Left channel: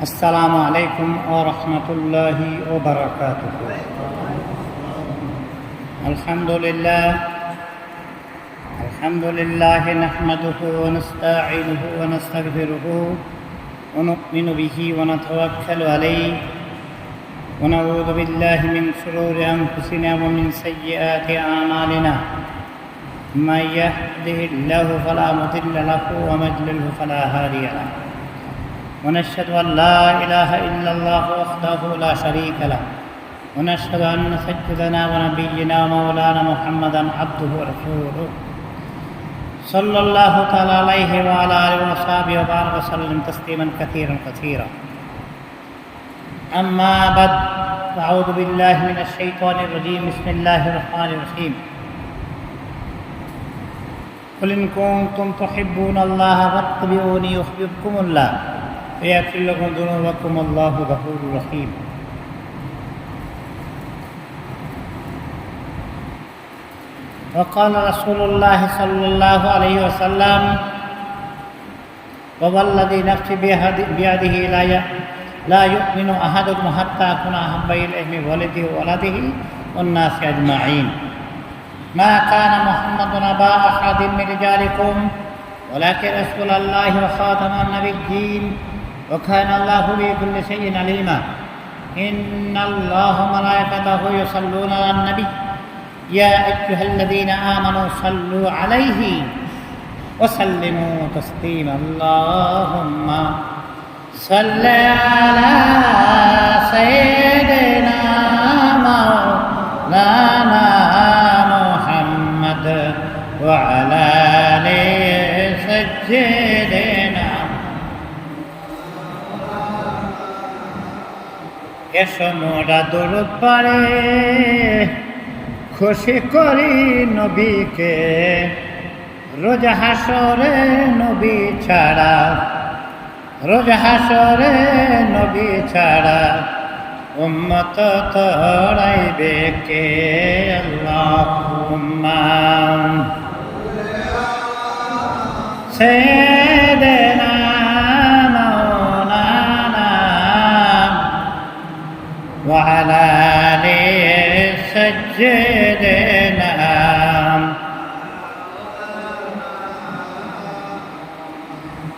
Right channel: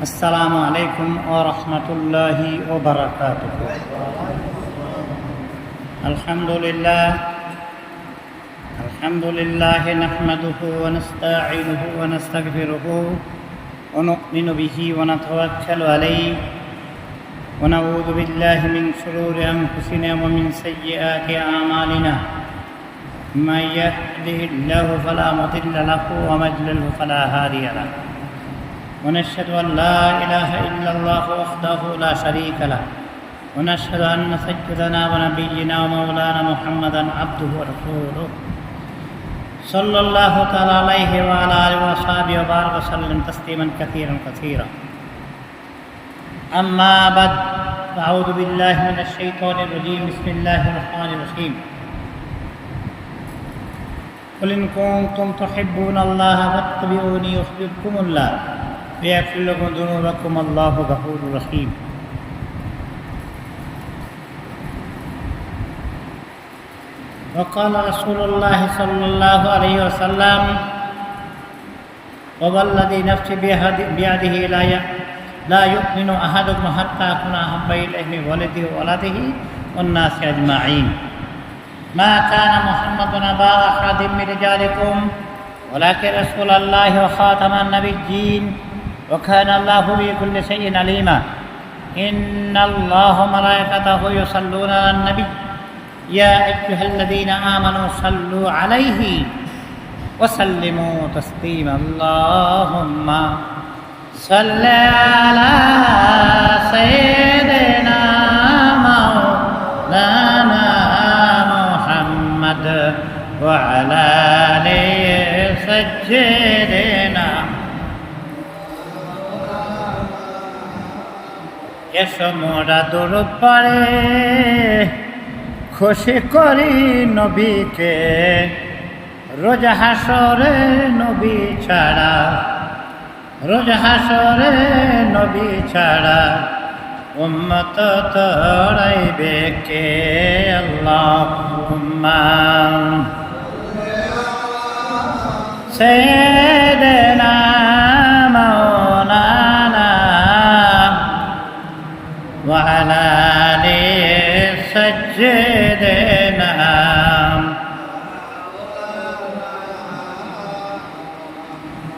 السلام عليكم ورحمة الله وبركاته. الحمد لله نحمده ونستعينه ونستغفره ونؤمن به ونتوكل عليه ونعوذ بالله من شرور أنفسنا ومن سيئات أعمالنا. من يهده الله فلا مضل له ومن يضلل فلا هادي له. ونشهد أن لا إله إلا الله وحده لا شريك له ونشهد أن سيدنا ونبينا ومولانا محمدا عبده ورسوله صلى الله تعالى عليه وعلى آله وصحبه وبارك وسلم تسليما كثيرا. أما بعد، أعوذ بالله من الشيطان الرجيم. بسم الله الرحمن الرحيم. قل إن كنتم تحبون الله فاتبعوني يحببكم الله ويغفر لكم ذنوبكم الله غفور رحيم. وقال رسول الله صلى الله عليه وسلم: ووالذي نفسي بيده لا يؤمن أحدكم حتى أكون أحب إليه من ولده وولده والناس أجمعين. ما كان محمد أبا أحد من رجالكم ولكن رسول الله وخاتم النبيين وكان الله بكل شيء عليما. إن الله وملائكته يصلون على النبي يا أيها الذين آمنوا صلوا عليه وسلموا تسليما. اللهم صل على سيدنا مولانا محمد وعلى آل سيدنا. এসো মোরা দরুদ পড়ে খুশি করি নবীকে, রোজ হাসরে নবী ছাড়া, রোজ হাসরে নবী ছাড়া উম্মত তরাইবে কে। আল্লাহুম্মা সাইয়্যিদানা মাওলানা ওয়া আলা আলি সাইয়্যিদিনা।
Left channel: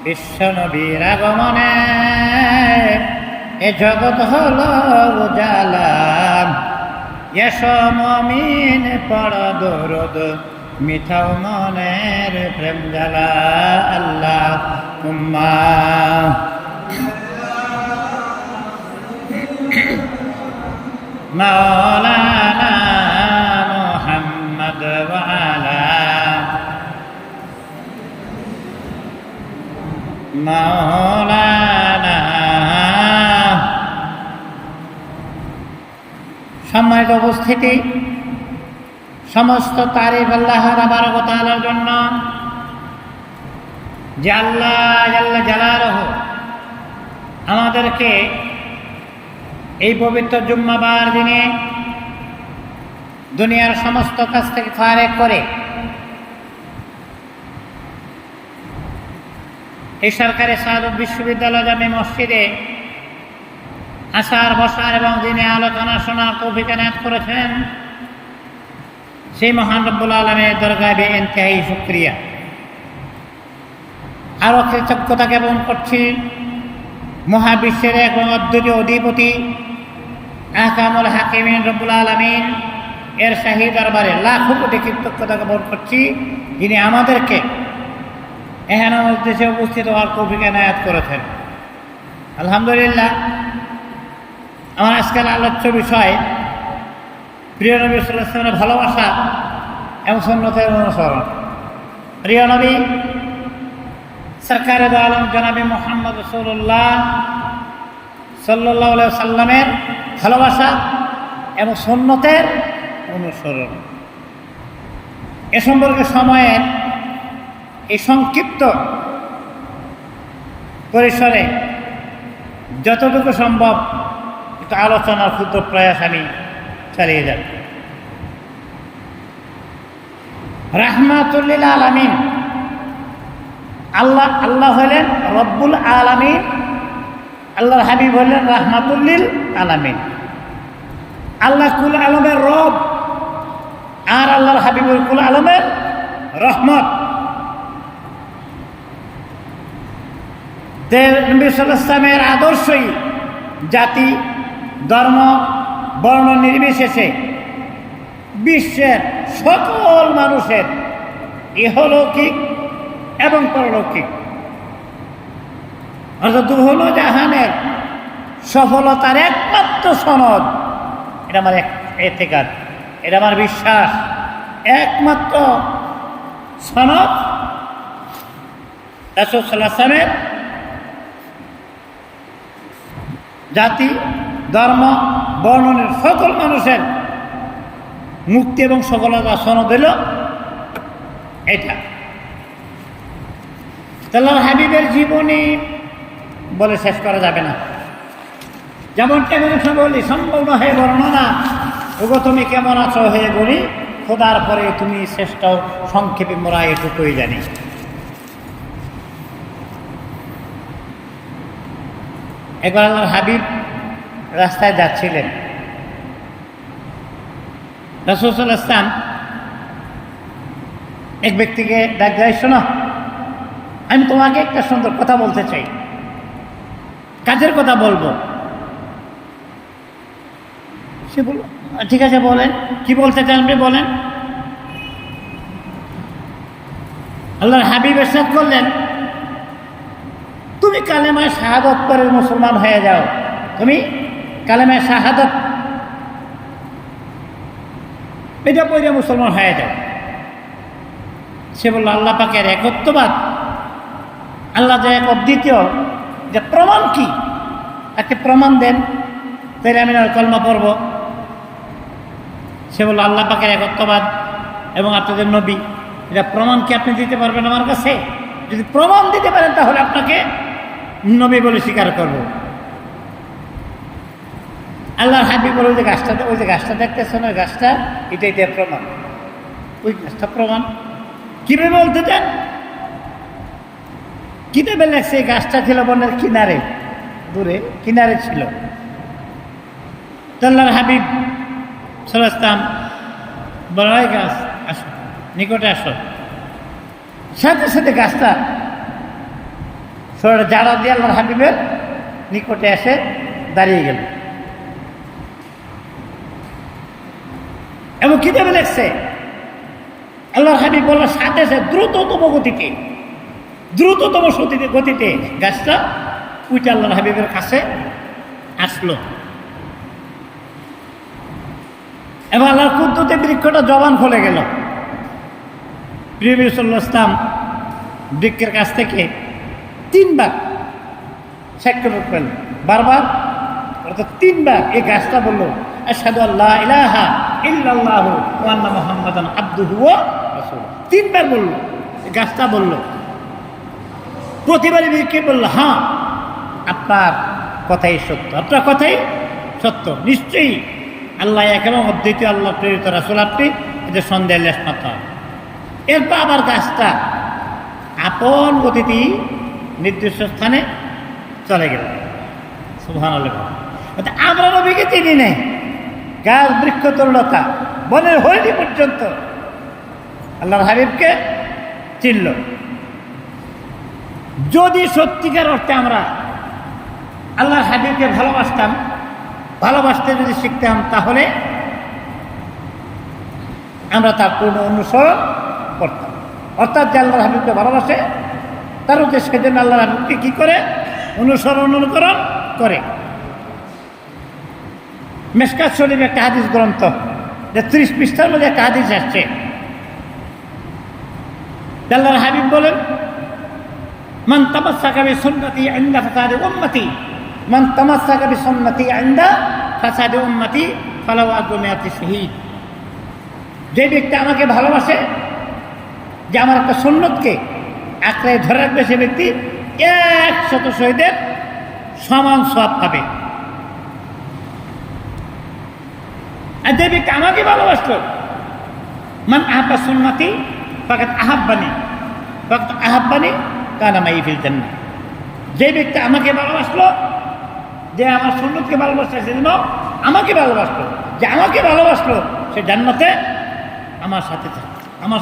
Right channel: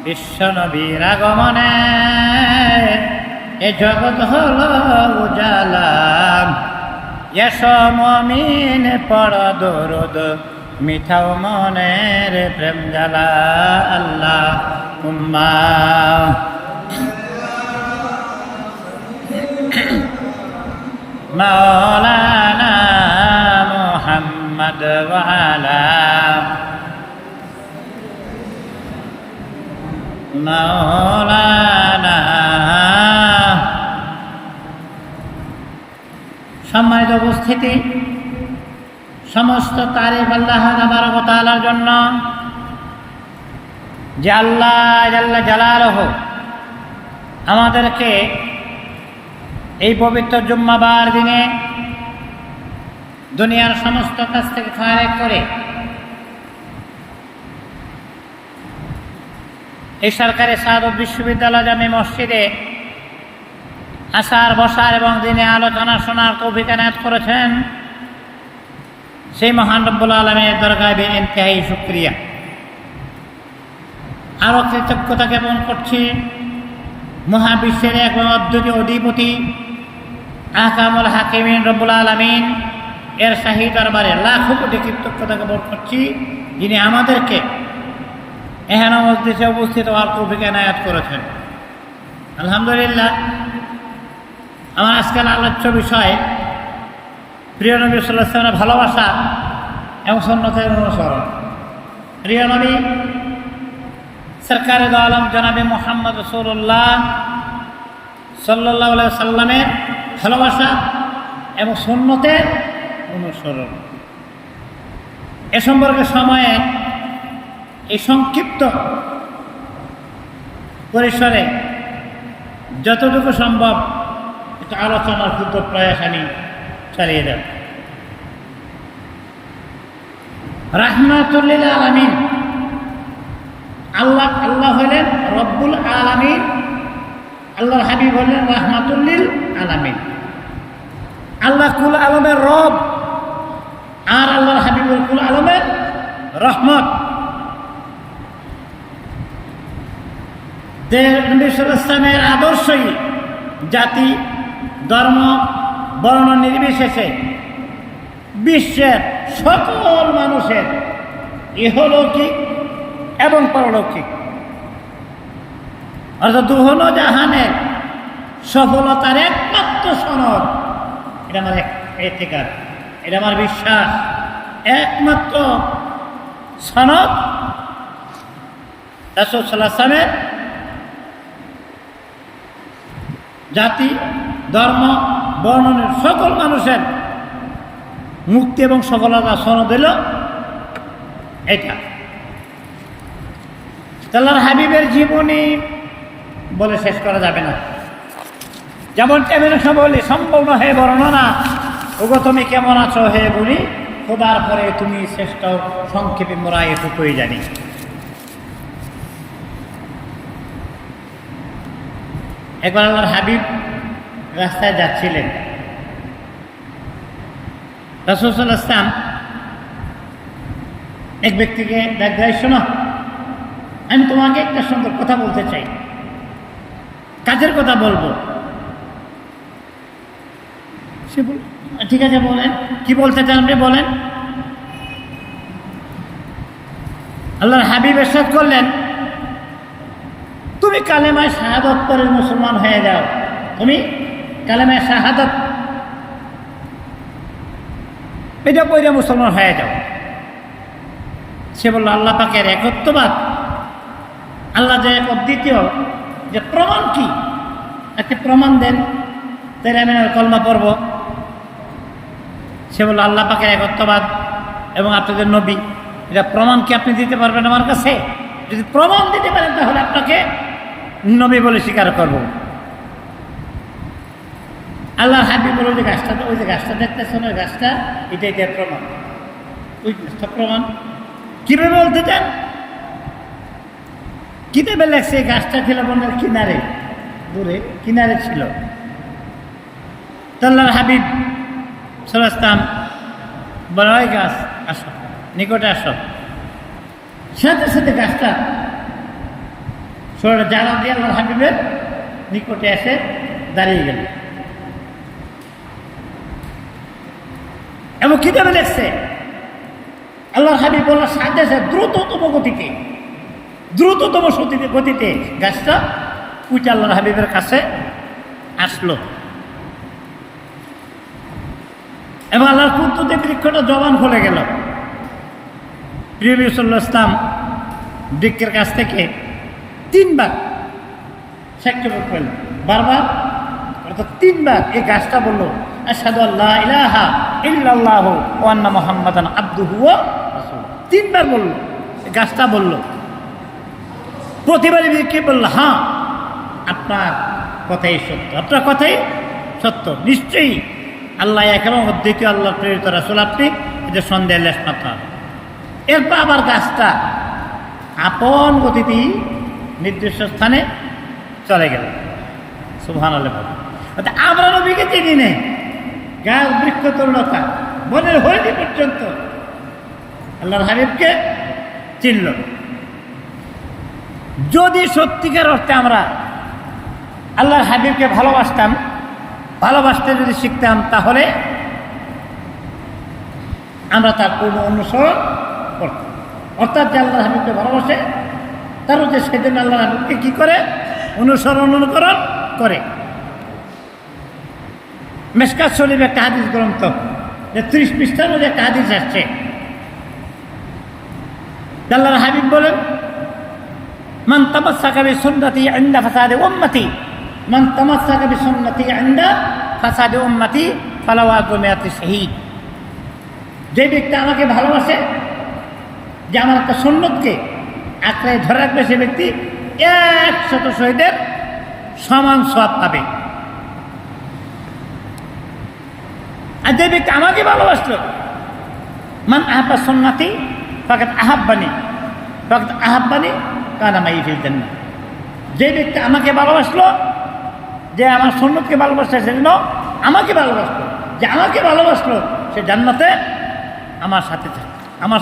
বিশ্বনবীর আগমনে এ জগৎ হলো উজালা। এসো মুমিন পড় দরুদ মিঠাও মনের প্রেম জ্বালা। আল্লাহুম্মা মাওলানা মুহাম্মদ ওয়া আলা মাওলানা। সম্মানিত উপস্থিতি, সমস্ত তারিফ আল্লাহ তাবারক ওয়া তাআলার জন্য, যে আল্লাহ জাল্লা জালালুহু আমাদেরকে এই পবিত্র জুম্মাবার দিনে দুনিয়ার সমস্ত কাজ থেকে ফারেক করে এই সরকারি সাদত বিশ্ববিদ্যালয় জামে মসজিদে আসার বসার এবং দিনে আলোচনা শোনার তৌফিক এনায়েত করেছেন, সেই মহান রব্বুল আলামিনের দরগায় বেইনতেহাই শুকরিয়া। আরও কৃতজ্ঞতা জ্ঞাপন করছি মহাবিশ্বের এক অদ্বিতীয় অধিপতি আহকামুল হাকিমিন রব্বুল আলামিন এর শাহী দরবারে লাখো কোটি কৃতজ্ঞতা জ্ঞাপন করছি, যিনি আমাদেরকে এখানে মজলিসে উপস্থিত হওয়ার তৌফিক এনায়েত করেছেন। আলহামদুলিল্লাহ। আমার আজকাল আলোচ্য বিষয় প্রিয় নবী সাল্লাল্লাহু আলাইহি ওয়াসাল্লামের ভালোবাসা এবং সুন্নতের অনুসরণ। প্রিয় নবী সরকারে দো আলম জনাবে মুহাম্মদ রাসূলুল্লাহ সাল্লাল্লাহু আলাইহি ওয়াসাল্লামের ভালোবাসা এবং সুন্নতের অনুসরণ। এ সম্পর্কে সময়ের এই সংক্ষিপ্ত পরিসরে যতটুকু সম্ভব একটু আলোচনার ক্ষুদ্র প্রয়াস আমি চালিয়ে যাব। রাহমাতুল লিল আলামিন আল্লাহ হলেন রব্বুল আলামিন আল্লাহর হাবিব হলেন রাহমাতুল্লিল আলামিন, আল্লাহ কুল আলমের রব, আর আল্লাহর হাবিবুল কুল আলমের রহমত। নবী সাল্লাল্লাহু আলাইহি ওয়াসাল্লামের আদর্শই জাতি, ধর্ম, বর্ণ নির্বিশেষে বিশ্বের সকল মানুষের ইহলৌকিক এবং পরলৌকিক অর্থাৎ দুহনো জাহানের সফলতার একমাত্র সনদ, এটা আমার এতেকাদ, এটা আমার বিশ্বাস, একমাত্র সনদ রাসূল সাল্লাল্লাহু আলাইহি ওয়াসাল্লামের জাতি, ধর্ম, বর্ণনের সকল মানুষের মুক্তি এবং সফলতা সনদ হল এটা। আল্লাহর হাবিবের জীবনী বলে শেষ করা যাবে না। যেমন কেমন বলি সম্পূর্ণ হয়ে বর্ণনা, ওগো তুমি কেমন আছো হে বলি, খোদার পরে তুমি শ্রেষ্ঠ, সংক্ষেপে মোরা এটুকুই জানি। একবার আল্লাহর হাবিব রাস্তায় যাচ্ছিলেন, রাসূল সাল্লাল্লাহু আলাইহি ওয়াসাল্লাম এক ব্যক্তিকে ডাক দেয়, শোনো, আমি তোমাকে একটা সুন্দর কথা বলতে চাই, কাজের কথা বলবো। সে বলল, ঠিক আছে বলেন, কি বলতে চান আপনি বলেন। আল্লাহর হাবিব ইরশাদ করলেন, তুমি কালেমায় শাহাদাত পড়ে মুসলমান হয়ে যাও, তুমি কালেমায় শাহাদাত এটা পড়ে মুসলমান হয়ে যাও। সে বলল, আল্লাহ পাকের একত্ববাদ, আল্লাহ যে এক অদ্বিতীয়, যে প্রমাণ কি, একটা প্রমাণ দেন, তাই আমি কলমা পড়ব। সে বলল, আল্লাহ পাকের একত্ববাদ এবং আপনাদের নবী, এটা প্রমাণ কি আপনি দিতে পারবেন আমার কাছে? যদি প্রমাণ দিতে পারেন তাহলে আপনাকে নবী বলে স্বীকার করব। আল্লাহর হাবিব বলে, ওই যে গাছটা দেখতেছেন, ওই গাছটা এটাই প্রমাণ, ওই গাছটা প্রমাণ। কিভাবে বলতে চান? কিতাবে লেখছে এই গাছটা ছিল বনের কিনারে, দূরে কিনারে ছিল। আল্লাহর হাবিব সাল্লাল্লাহু আলাইহি ওয়াসাল্লাম বলে, ওই গাছ আসো, নিকটে আসো। সাথে সাথে গাছটা সরে জারা দিয়ে আল্লাহর হাবিবের নিকটে এসে দাঁড়িয়ে গেল। এবং কিতাবে লেখছে আল্লাহর হাবিব বলল, সাথে সাথে দ্রুততম গতিতে গাছটা উঠে আল্লাহর হাবিবের কাছে আসলো। এবং আল্লাহর কুদরতে বৃক্ষটা জবান খুলে গেল। প্রিয় নবী সাল্লাল্লাহু আলাইহি ওয়াসাল্লাম বৃক্ষের কাছ থেকে 3 বার সাক্ষ্য করলেন, বারবার অর্থাৎ 3 বার এই গাছটা বলল, আশহাদু আল্লা ইলাহা ইল্লাল্লাহু ওয়া আন্না মুহাম্মাদান আবদুহু ওয়া রাসূলুহু। 3 বার বলল, এই গাছটা বলল। প্রতিবারই বৃক্ষে বলল, হ্যাঁ আপনার কথাই সত্য, আপনার কথাই সত্য, নিশ্চয়ই আল্লাহ এক এবং অদ্বিতীয়, আল্লাহ প্রেরিত রাসূল আপনি, এদের সন্দেহের লেশ মাত্র। এরপর আবার গাছটা আপন গতিতে নির্দিষ্ট স্থানে চলে গেল। সুবহানাল্লাহ। আমরা নবীকে চিনি নাই, গাছ, বৃক্ষ, তরুণতা, বনের হরিণী পর্যন্ত আল্লাহর হাবিবকে চিনল। যদি সত্যিকার অর্থে আমরা আল্লাহর হাবিবকে ভালোবাসতে যদি শিখতাম, তাহলে আমরা তার পূর্ণ অনুসরণ করতাম। অর্থাৎ যে আল্লাহর হাবিবকে ভালোবাসে, তার হচ্ছে সেদিন আল্লাহর হাবিবকে কি করে অনুকরণ করে। মিশকাত শরীফ একটা হাদিস গ্রন্থ, যে 30 পৃষ্ঠার মধ্যে একটা হাদিস আসছে। আল্লাহর হাবিব বলেন, মান তামাসসাকা বিসুন্নতি ইনদা ফাসাদি উম্মতি, মান তামাসসাকা বিসুন্নতি ইনদা ফাসাদি উম্মতি ফালাহু আজরু মিআতি শাহীদ। যে ব্যক্তি আমাকে ভালোবাসে, যে আমার একটা সুন্নতকে আঁকড়ে ধরে রাখবে, সে ব্যক্তি 100 শহীদের সমান সওয়াব পাবে। আর যে ব্যক্তি আমাকে ভালোবাসলো, মান আহাব্বা সুন্নতি ফাকাদ আহাব্বানি কানা মাই ফিল জান্নাহ। যে ব্যক্তি আমাকে ভালোবাসলো, যে আমার সুন্নতকে ভালোবাসছে সেজন্য আমাকে ভালোবাসলো, যে আমাকে ভালোবাসলো সে জান্নাতে আমার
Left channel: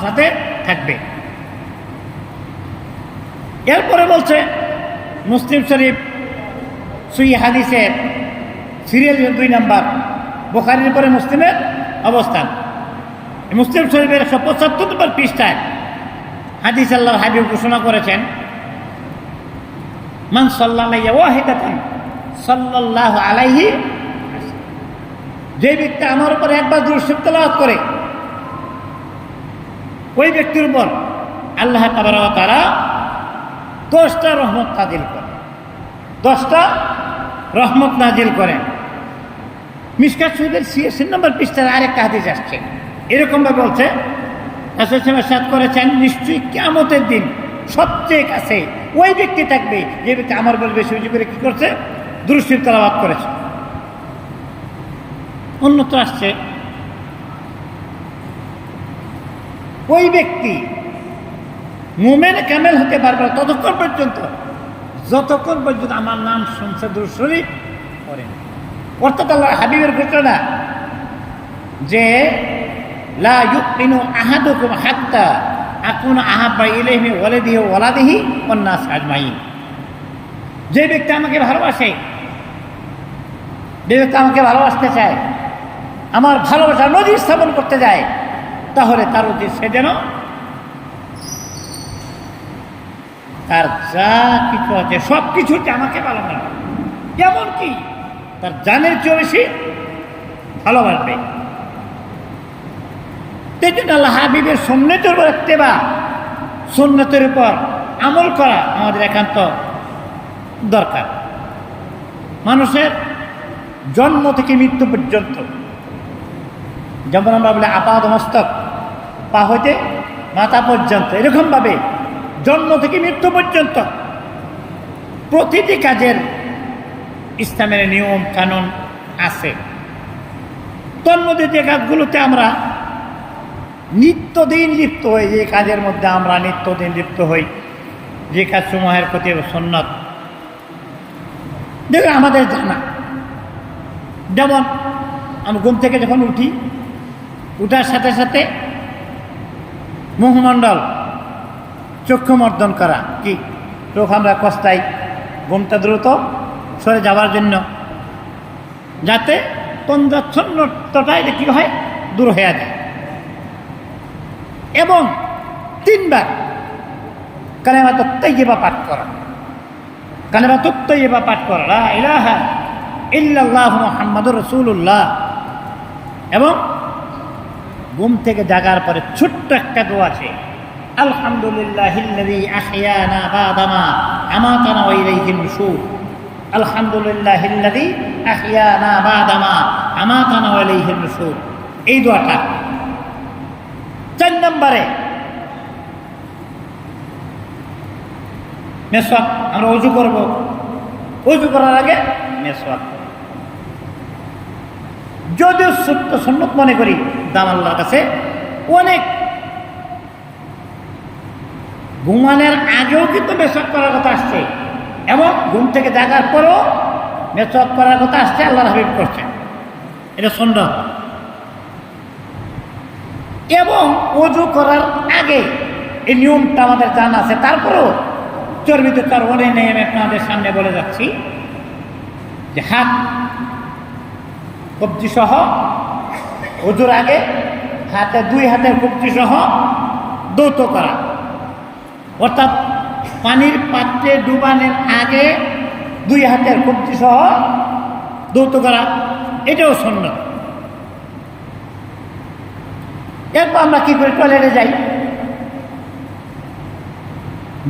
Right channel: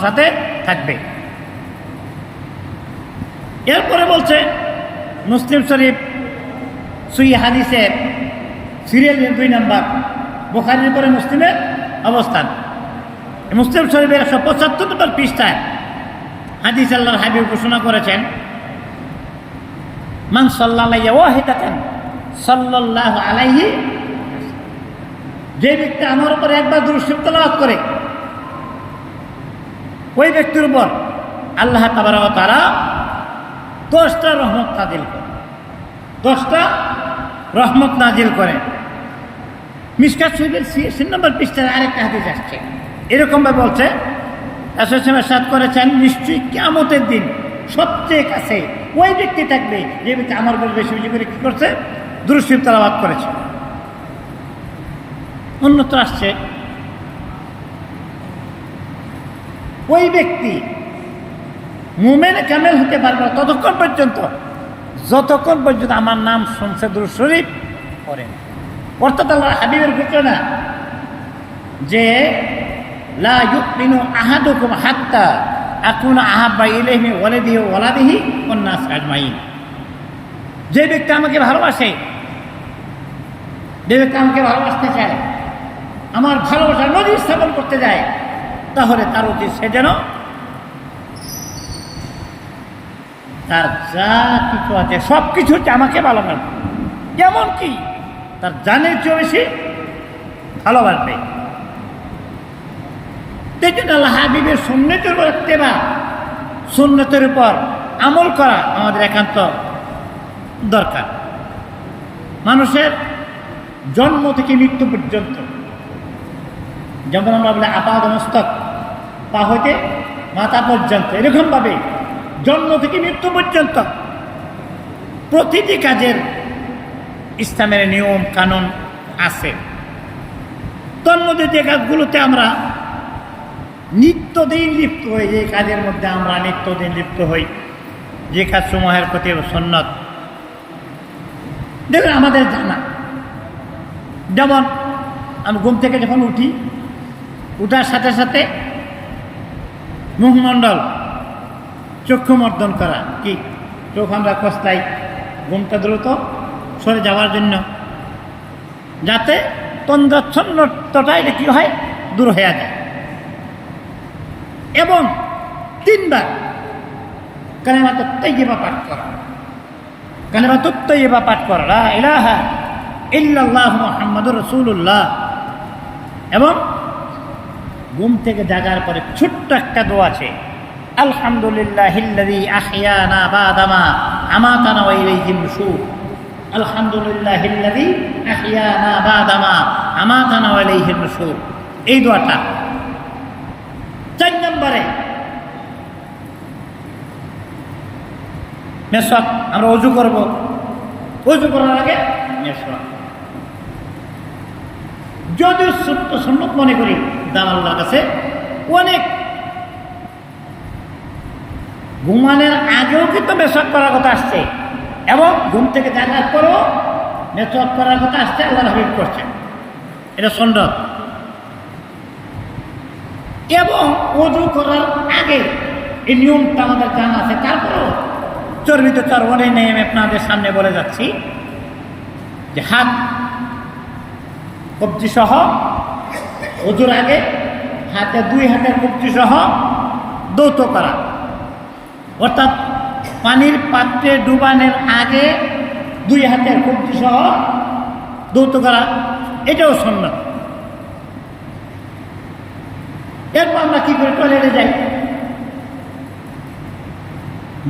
সাথে থাকবে। এরপরে বলছে মুসলিম শরীফ সহিহ হাদিসের সিরিয়াল 2 নম্বর, বুখারীর পরে মুসলিমের অবস্থান। মুসলিম শরীফের 175 নম্বর পৃষ্ঠায় হাদিস আল্লাহর হাবিব ঘোষণা করেছেন, মান সাল্লাল্লাহু ওয়াহিদাতান সাল্লাল্লাহু আলাইহি, যে ব্যক্তি আমার উপর একবার দুরূদ শরীফ তেলাওয়াত করে ওই ব্যক্তির উপর আল্লাহ তাবারক ওয়া তাআলা 10টা রহমত নাজিল করেন, 10টা রহমত নাজিল করেন। মিশকাত শরীফের 86 নম্বর পৃষ্ঠায় আরেকটা হাদিস আসছে, এরকমভাবে বলছে, রাসূল ইরশাদ করেছেন, নিশ্চয়ই কিয়ামতের দিন সবচেয়ে কাছে ওই ব্যক্তি থাকবে যে ব্যক্তি আমার উপর বেশি বেশি করে কি করছে, দুরূদ শরীফ তেলাওয়াত করেছে। অন্যত্র আসছে, ওই ব্যক্তি মুমিন কামেল হতে পারবে না ততক্ষণ পর্যন্ত যতক্ষণ পর্যন্ত আমার নাম শুনছে, দুরূদ শরীফ পড়েন। অর্থাৎ আল্লাহর হাবিবের ঘোষণা যে লা ইউমিনু আহাদুকুম হাত্তা আকুনা আহাব্বা ইলাইহি মিন ওয়ালিদিহি ওয়া ওয়ালাদিহি ওয়ান নাস আজমাইন। যে ব্যক্তি আমাকে ভালোবাসে, যে ব্যক্তি আমাকে ভালোবাসতে চায়, আমার ভালোবাসা নজির স্থাপন করতে যায়, তাহলে তার উচিত সে যেন তার যা কিছু আছে সব কিছু আমাকে ভালোবাসবে, এমনকি তার জানের চেয়ে বেশি ভালোবাসবে। সেই জন্য আল্লাহ হাবিবের সুন্নতের উপর ইত্তেবা, সুন্নতের উপর আমল করা আমাদের একান্ত দরকার। মানুষের জন্ম থেকে মৃত্যু পর্যন্ত, যেমন আমরা বলি আপাদ মস্তক, পা হইতে মাথা পর্যন্ত, এরকমভাবে জন্ম থেকে মৃত্যু পর্যন্ত প্রতিটি কাজের ইসলামের নিয়ম কানুন আছে। তন্মধ্যে যে কাজগুলোতে আমরা নিত্যদিন লিপ্ত হই, যে কাজের মধ্যে আমরা নিত্যদিন লিপ্ত হই, যে কাজ সমূহের প্রতি সুন্নত, দেখুন আমাদের জানা, যেমন আমি ঘুম থেকে যখন উঠি, উঠার সাথে সাথে মুখমণ্ডল চক্ষু মর্দন করা, কি চোখ আমরা কষ্টাই ঘুমটা দ্রুত সরে যাওয়ার জন্য, যাতে তন্দ্রাচ্ছন্নতাটা এটা কী হয়, দূর হয়ে যায়। এবং 3 বার কালেমাতুত তাইয়্যিবা পাঠ করা, কালেমাতুত তাইয়্যিবা পাঠ করা, লা ইলাহা ইল্লাল্লাহু মুহাম্মাদুর রাসূলুল্লাহ। এবং ঘুম থেকে জাগার পরে ছোট্ট একটা দোয়া আছে, আলহামদুলিল্লাহিল্লাযী আহইয়ানা বাদামা আমাতানা ওয়া ইলাইহিন নুশুর। আলহামদুলিল্লাহিল্লাযী আহইয়ানা বাদামা আমাতানা ওয়া ইলাইহিন নুশুর, এই দোয়াটা। 4 নম্বরে মেসওয়াক, আমরা ওযু করব, ওযু করার আগে মেসওয়াক করব। যদিও সত্য সুন্নত মনে করি, দাম আল্লাহর কাছে অনেক। ঘুমানোর আগেও কিন্তু মেসওয়াক করার কথা আসছে, এবং ঘুম থেকে জাগার পরেও মেসওয়াক করার কথা আসছে, আল্লাহর হাবিব করছেন, এটা সুন্নত। এবং ওযু করার আগে এই নিয়মটা আমাদের জানা আছে, তারপরেও চর্বিত চার অনেক নেই। আমি আপনাদের সামনে বলে যাচ্ছি যে হাত কবজি সহ ওযুর আগে হাতে 2 হাতের কবজি সহ দৌত করা, অর্থাৎ পানির পাত্রে ডুবানোর আগে 2 হাতের কবজি সহ দৌত করা, এটাও সুন্নাত। এরপর আমরা কি করি, টয়লেটে যাই,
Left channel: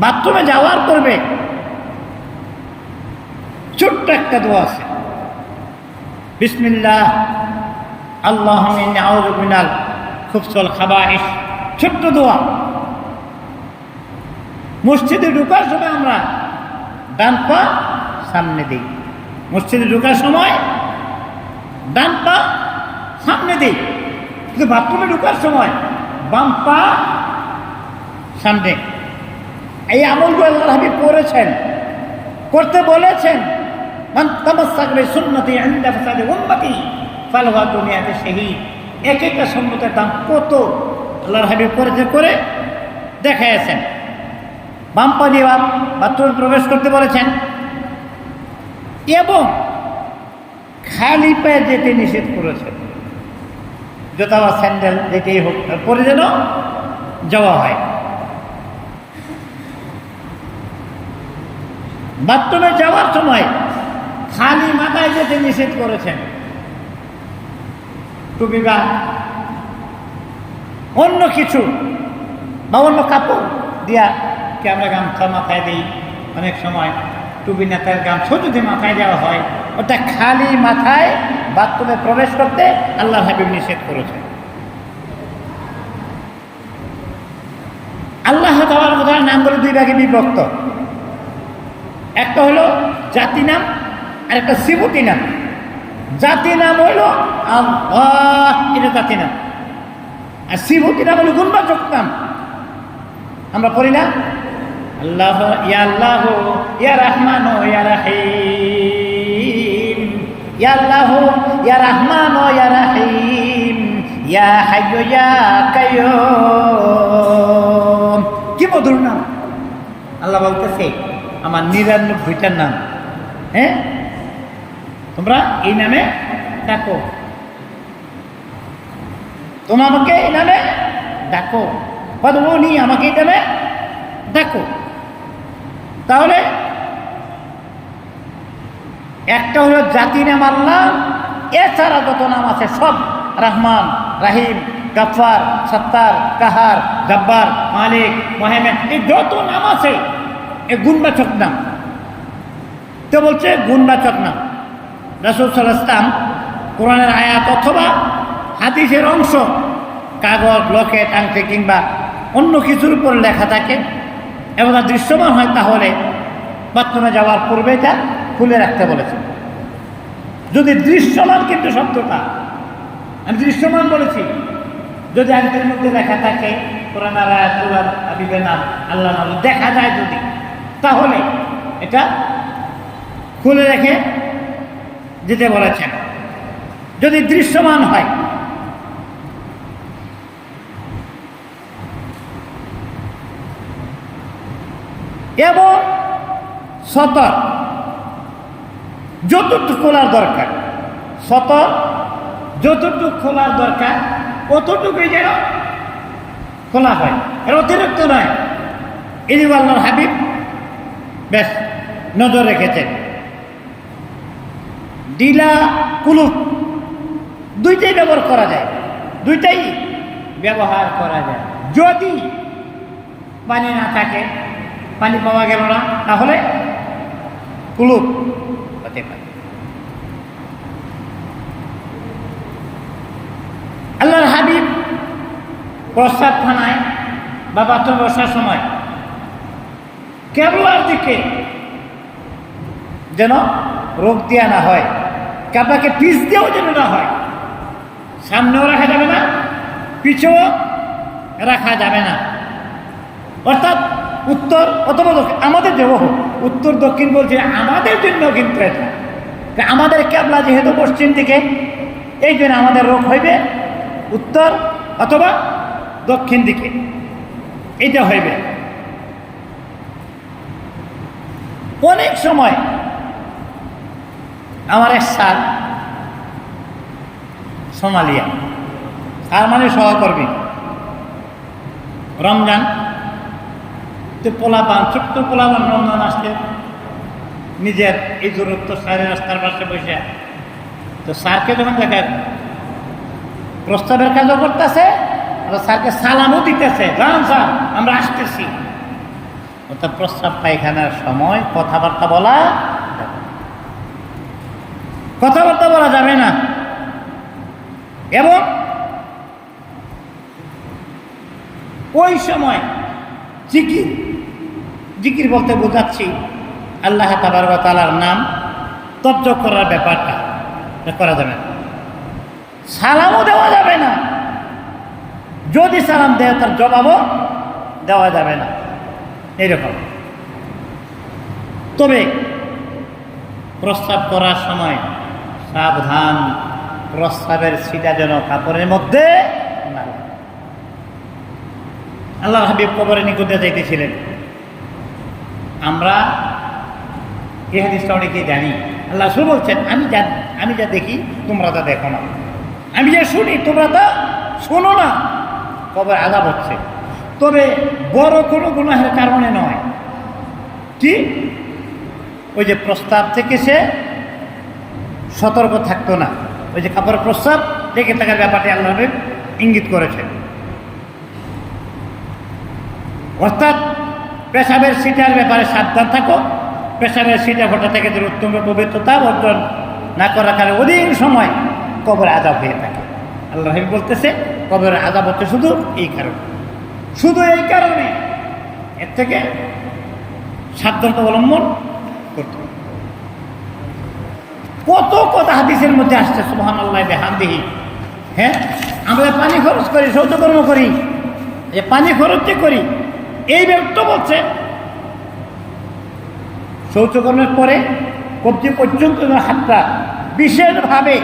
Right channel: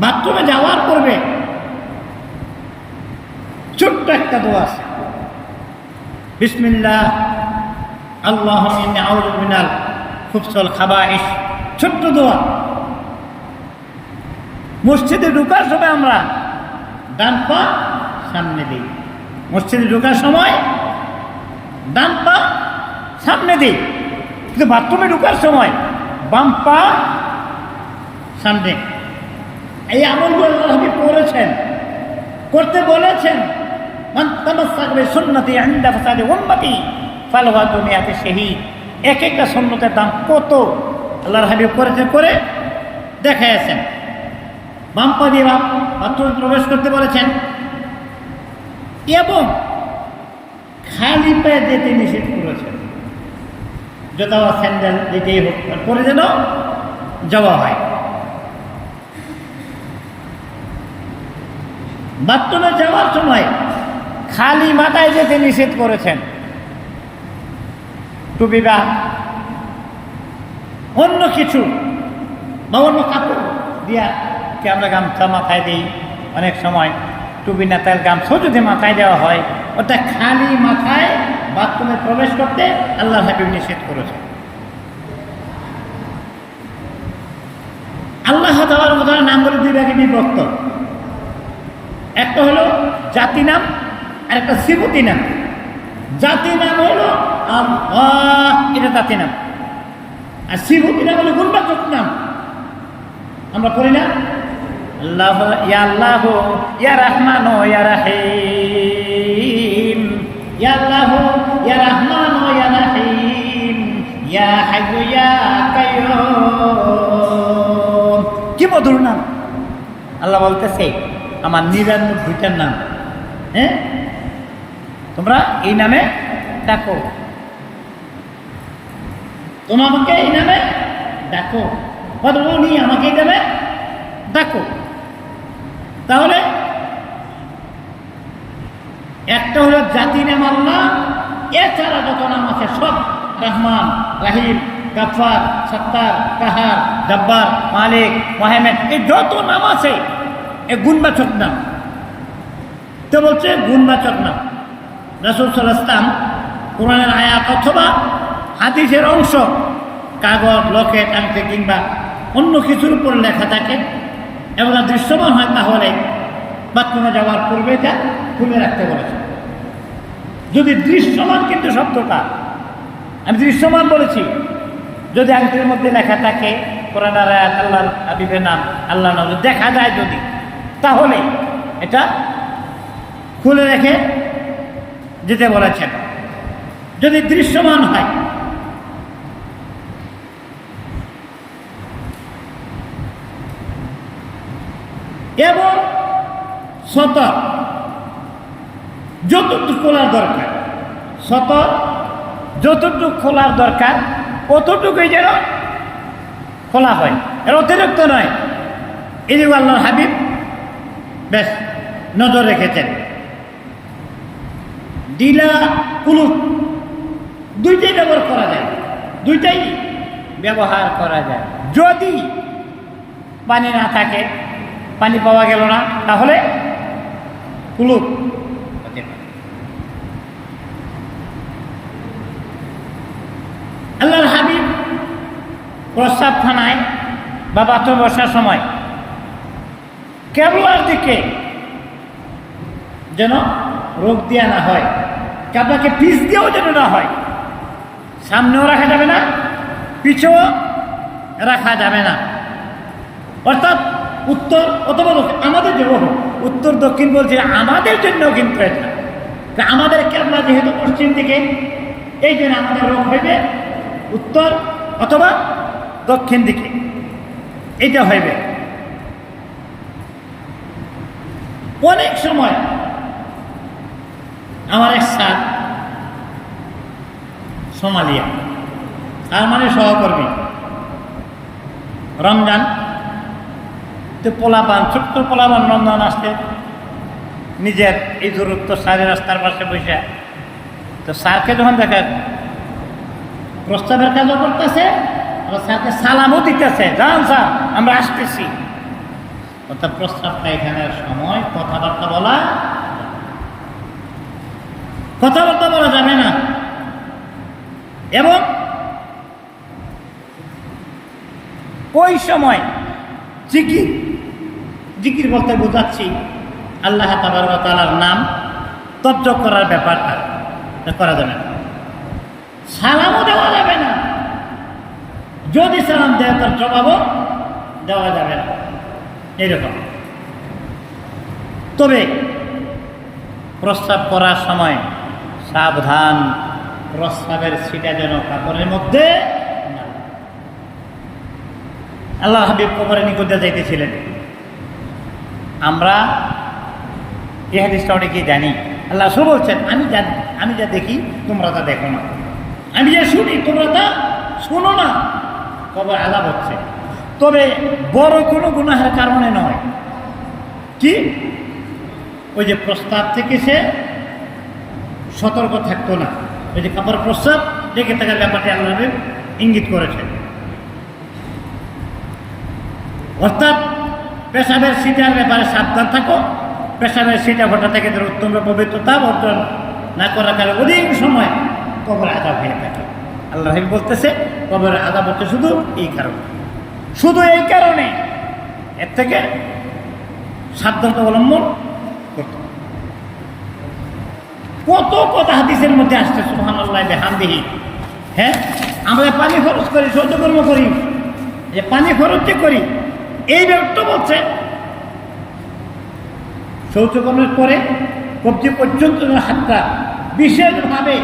বাথরুমে যাওয়ার পূর্বে ছোট্ট একটা দোয়া আছে, বিসমিল্লাহ আল্লাহুম্মা ইন্নী আউযু মিনাল খুবসিল খাবাইস, ছোট্ট দোয়া। মসজিদে ঢোকার সময় আমরা ডান পা সামনে দিই, মসজিদে ঢোকার সময় ডান পা সামনে দিই, কিন্তু বাথরুমে ঢোকার সময় বাম পা সামনে। এই আমলগুলো আল্লাহর হাবিব করেছেন, করতে বলেছেন, মান তামাসসাকা বিসুন্নতি ইনদা ফাসাদি উম্মতি ফালাহু দুনিয়াতে শাহীদ। এক একটা সুন্নতের দাম কত আল্লাহর হাবিব করে দেখাইছেন। বাম পা দিয়ে বাথরুমে প্রবেশ করতে বলেছেন এবং খালি পায়ে যেতে নিষেধ করেছেন। জুতা বা স্যান্ডেল যেটাই হোক পরে যেন যাওয়া হয়। বাথরুমে যাওয়ার সময় খালি মাথায় যেতে নিষেধ করেছেন। টুপি বা অন্য কিছু বা অন্য কাপড় দিয়া কি আমরা গামছা মাথায় দিই, অনেক সময় টুপি নেতার গামছা যদি মাথায় দেওয়া হয়, ওটা খালি মাথায় বাথরুমে প্রবেশ করতে আল্লাহর হাবিব নিষেধ করেছেন। আল্লাহ তাআলার কথার নামগুলো দুই ভাগে বিভক্ত। একটা হলো জাতি নাম আর একটা সিফতি নাম। জাতি নাম হইল আল্লাহ, এটা জাতি নাম। আর সিফতি নাম হলো গুণবাচক নাম। আমরা পড়ি না আল্লাহ ইয়া রহমান ইয়া রহিম, ইয়া আল্লাহ ইয়া রহমান ইয়া রহিম, ইয়া হাইয়্যু ইয়া কাইয়্যুম। কি মধুর নাম! আল্লাহ বলতেছে আমার ৯৯টার নাম, হ্যাঁ, তোমরা এই নামে ডাকো, তোমরা আমাকে এই নামে ডাকো, বদনি আমাকে এই নামে ডাকো। তাহলে একটা হলো জাতি নাম আল্লাহ, এছাড়া যত নাম আছে সব রহমান, রাহিম, গাফফার, সত্তার, কাহার, জব্বার, মালিক, মুহাইমিন, এই যত নাম আছে এ গুণবাচক নাম। তো বলছে গুণবাচক নাম। রাসূল সাল্লাল্লাহু আলাইহি ওয়াসাল্লাম কোরআনের আয়াত অথবা হাদিসের অংশ কাগজ, লকেট, আংটি কিংবা অন্য কিছুর উপর লেখা থাকে এবং তা দৃশ্যমান হয়, তাহলে বাথরুমে যাওয়ার পূর্বে এটা খুলে রাখতে বলেছে। যদি দৃশ্যমান, কিন্তু শব্দটা আমি দৃশ্যমান বলেছি, যদি আংটির মধ্যে লেখা থাকে কোরআনের আয়াত, আল্লাহর হাবিবের নাম, আল্লাহর নাম দেখা যায় যদি, তাহলে এটা খুলে রেখে যেতে বলেছেন। যদি দৃশ্যমান হয়, এবং সতর যতটুকু খোলার দরকার, সতর যতটুকু খোলার দরকার অতটুকুই যেন খোলা হয়, এর অতিরিক্ত নয়। এই আল্লাহর হাবিব বেশ নজর রেখেছেন। ডিলা কুলুপ দুইটাই ব্যবহার করা যায়, দুইটাই ব্যবহার করা যায়। যদি পানি না থাকে, পানি পাওয়া গেল না, তাহলে কুলুপ হতে পারে। আল্লাহর হাবিব প্রস্রাবখানায় বা বাথরুম বসার সময় কেবলার দিকে যেন রোগ দেওয়া না হয়, কাবলাকে পিছ দিয়েও যেন না হয়। সামনেও রাখা যাবে না, পিছেও রাখা যাবে না। অর্থাৎ উত্তর অথবা দক্ষিণ, আমাদের জন্য উত্তর দক্ষিণ বলছে আমাদের জন্য, কিন্তু এটা আমাদের কেবলা যেহেতু পশ্চিম দিকে, এই জন্য আমাদের রোগ হইবে উত্তর অথবা দক্ষিণ দিকে, এটা হইবে। অনেক সময় আমার এক স্যার সোমালিয়া, আর মানে সহকর্মী, রমজান তো পোলাপান, ছোট্ট পোলাপান রমজান আসলে নিজের এই দূরত্ব সারের রাস্তার পাশে বসে, তো স্যারকে যখন দেখেন প্রস্তাবের কাজও করতেছে আর স্যারকে সালামও দিতেছে, জান স্যার আমরা আসতেছি। অর্থাৎ প্রস্তাব পায়খানার সময় কথাবার্তা বলা যাবে না। এবং ওই সময় জিকির বলতে বোঝাচ্ছি আল্লাহ তাবারক ওয়া তাআলার নাম তর্জ করার ব্যাপারটা করা যাবে না। সালামও দেওয়া যাবে না, যদি সালাম দেয় তার জবাবও দেওয়া যাবে না, এরকম। তবে প্রস্রাব করার সময় সাবধান, প্রস্রাবের ছিটা যেন কাপড়ের মধ্যে না। আল্লাহর হাবিব কবরের নিকটে যাইতেছিলেন। আমরা এই হাদিসটা অনেকেই জানি। আল্লাহ রাসূল বলছেন, আমি যা দেখি তোমরা তা দেখো না, আমি যা শুনি তোমরা তা শোনো না। কবর আযাব হচ্ছে, তবে বড় কোনো গুনাহের কারণে নয়। কি? ওই যে প্রস্তাব থেকে সে সতর্ক থাকতো না, ওই যে কাপড়ের প্রস্তাব দেখে থাকার ব্যাপারটি আল্লাহ নবী ইঙ্গিত করেছেন। অর্থাৎ পেশাবের সিটার ব্যাপারে সাবধান থাকো। পেশাবের সিটা ফোটা থেকে যে উত্তম পবিত্রতা অর্জন না করার কারণে অধিক সময় কবরে আযাব হয়ে থাকে। আল্লাহ নবী বলতেছে কবরে আযাব হচ্ছে শুধু এই কারণে, শুধু এই কারণে। এর থেকে সাবধানতা অবলম্বন করতে। কত কথা হাদিসের মধ্যে আসছে, সুবহানাল্লাহ বিহামদিহি। হ্যাঁ, আমরা পানি খরচ করি, শৌচকর্ম করি, যে পানি খরচ যে করি, এই ব্যাপারটা বলছে শৌচকর্মের পরে কবজি পর্যন্ত হাতটা বিশেষভাবে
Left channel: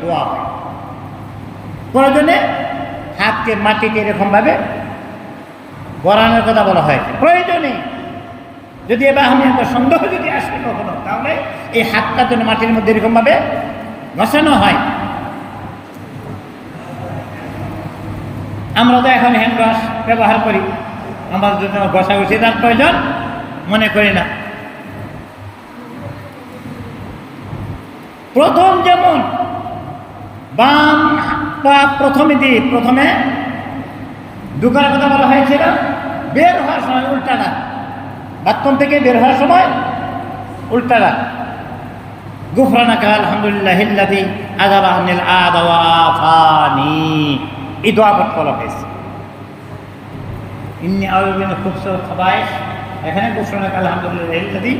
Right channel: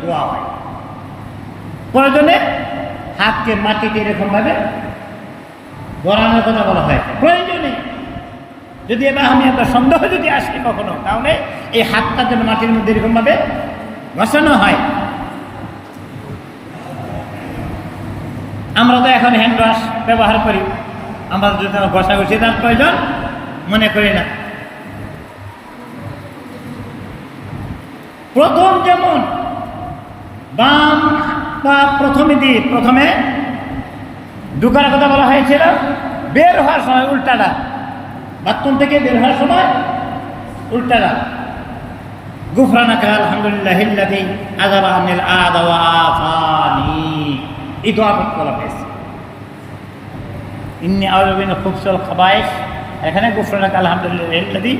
ধোয়া হয়। প্রয়োজনে হাতকে মাটিতে এরকমভাবে গড়ানোর কথা বলা হয়েছে। প্রয়োজনে যদি এবার আমি একটা সন্দেহ যদি আসে কখনো, তাহলে এই হাতটা যেন মাটির মধ্যে এরকমভাবে ঘষানো হয়। আমরা তো এখন হ্যান্ড ওয়াশ ব্যবহার করি, আমরা যদি ঘষাঘষি তার প্রয়োজন মনে করি না। প্রথম যেমন বাম পা প্রথমে ঢুকার কথা বলা হয়েছিল, বের হওয়ার সময় উল্টাটা, বাথরুম থেকে বের হওয়ার সময় উল্টাটা। গুফরানাকা আলহামদুলিল্লাহিল্লাযী আযাবা আনিল আযা ওয়া আফানি, এই দোয়া পড়তে বলা হয়েছে। ইন্নী আউযু মিনাল খুবসি ওয়াল খাবায়েস, এখানে গুফরানাকা আলহামদুলিল্লাহিল্লাযী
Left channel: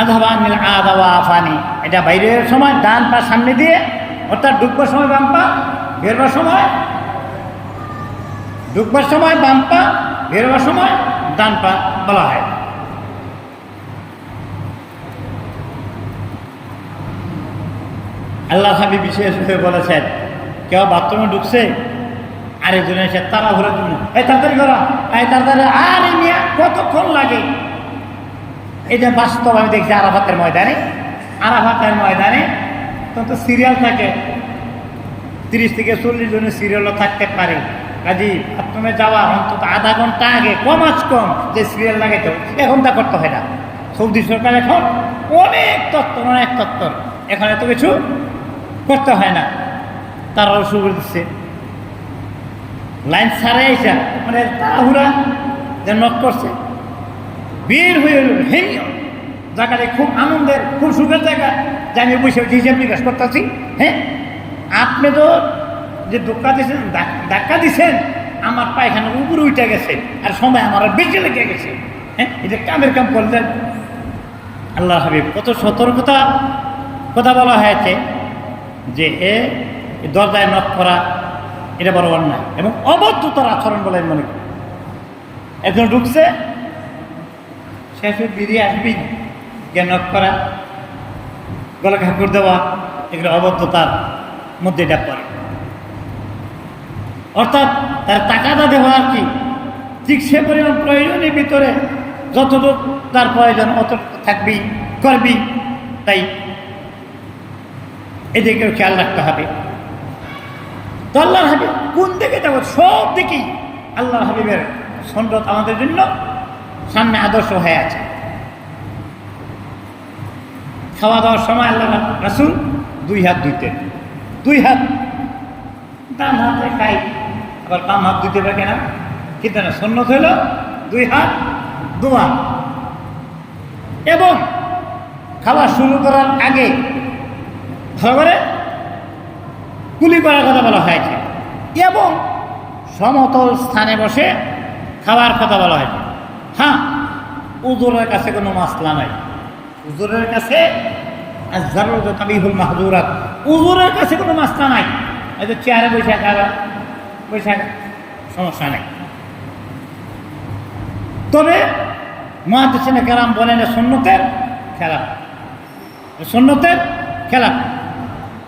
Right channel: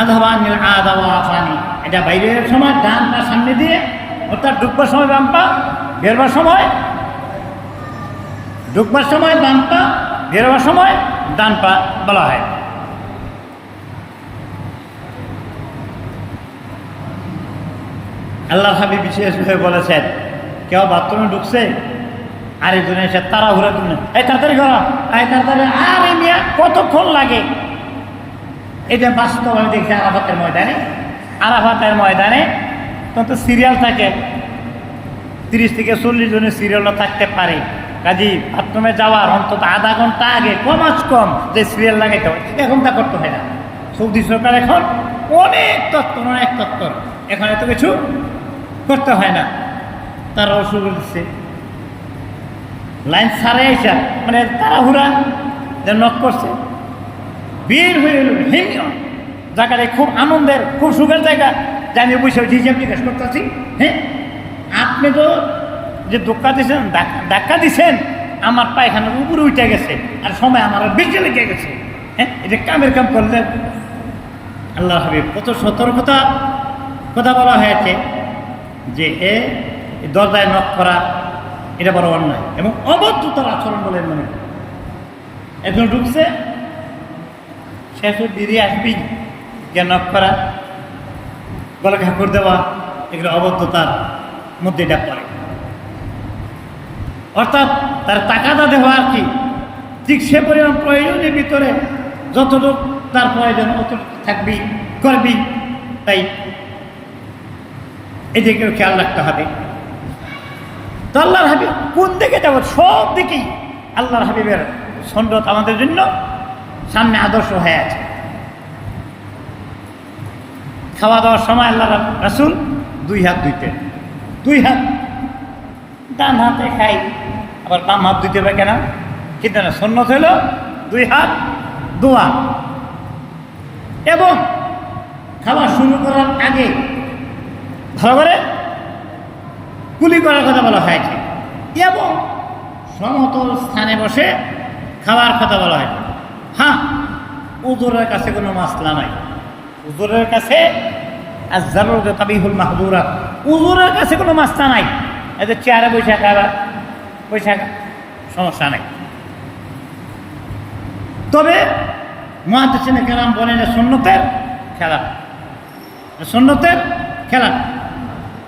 আযাবা আনিল আযা ওয়া আফানি। এটা বাইরের সময় ডান পা সামনে দিয়ে, অর্থাৎ ঢুকবার সময় বাম পা, বেরবার সময় বাম পা, বেরোবার সময় ডান পা বলা হয়। আল্লাহ হাবিব বিশেষভাবে বলেছেন, কেউ বাথরুমে ঢুকছে আর একজন এসে তাড়াহুড়া দিন, এই তাড়াতাড়ি করা, এই তাড়াতাড়ি, আর এই নিয়ে কতক্ষণ লাগে। এটা বাস্তব আমি দেখছি আরাফাতের ময়দানে তখন তো সিরিয়াল থাকে, 30 থেকে 40 জনের সিরিয়ালটা থাকতে পারে। কাজী বাথরুমে যাওয়ার অন্তত আধা ঘন্টা আগে কম যে সিরিয়াল লাগাইতে হয়, এখন তা করতে হয় না। সৌদি সরকার এখন অনেক তত্ত্বর, এখন এত কিছু করতে হয় না, তারাও শুরু করে দিচ্ছে। লাইন ছাড়ে এসে মানে তাড়াহুড়া যে নক করছে, বের হয়ে এল জায়গাটা খুব আনন্দের, খুব সুখের জায়গা, যে আমি বসে হিসাব জিজ্ঞাসা করতেছি। হ্যাঁ, আপনি তো যে ধাক্কা দিচ্ছেন, আমার পায়খানার উপরে উঠে গেছে, আর সময় আমার বেঁচে লেগে গেছে। হ্যাঁ, এটা কামের কাম করলেন। আল্লাহ হাবিব কত সতর্কতা কথা বলা হয়েছে যে দরজায় নক করা এটা বড় অন্যায় এবং অবদ্ধতার আচরণ বলে মনে করি। একজন ঢুকছে, শেষে দিদি আসবি, কে নক করা, গলা ঘাকর দেওয়া, এগুলো অবদ্ধতার মধ্যে এটা পড়ে। অর্থাৎ তার তাকাদা দেওয়া আর কি, ঠিক সে পরিমাণ প্রয়োজনের ভিতরে যতটুকু তার প্রয়োজন অতটুকু থাকবি, করবি। তাই এদিকেও খেয়াল রাখতে হবে। তো আল্লাহর হাবিব কোন দিকে যাব? সব দিকেই আল্লাহর হাবিবের সন্ন্যত আমাদের জন্য সামনে আদর্শ হয়ে আছে। খাওয়া দাওয়ার সময় আল্লাহ রাসূল 2 হাত ধুইতেন, 2 হাত, ডান হাতে খাই, আবার বাম হাত ধুইতে হবে কেন? কিন্তু না, সুন্নত হইল 2 হাত ধোয়া। এবং খাওয়া শুরু করার আগে ভালো করে কুলি করার কথা বলা হয়েছে, এবং সমতল স্থানে বসে খাওয়ার কথা বলা হয়েছে। হ্যাঁ, উযুরের কাছে কোনো মাসলা নাই, উযুরের কাছে আয-যারুরাতু তাবিহুল মাহযুরাত, উযুরের কাছে কোনো মাসলা নাই। এই যে চেয়ারে বৈশা সমস্যা নাই। তবে মুহাদ্দিসিনে কেরাম বলেন সুন্নতের খেলা, সুন্নতের খেলা।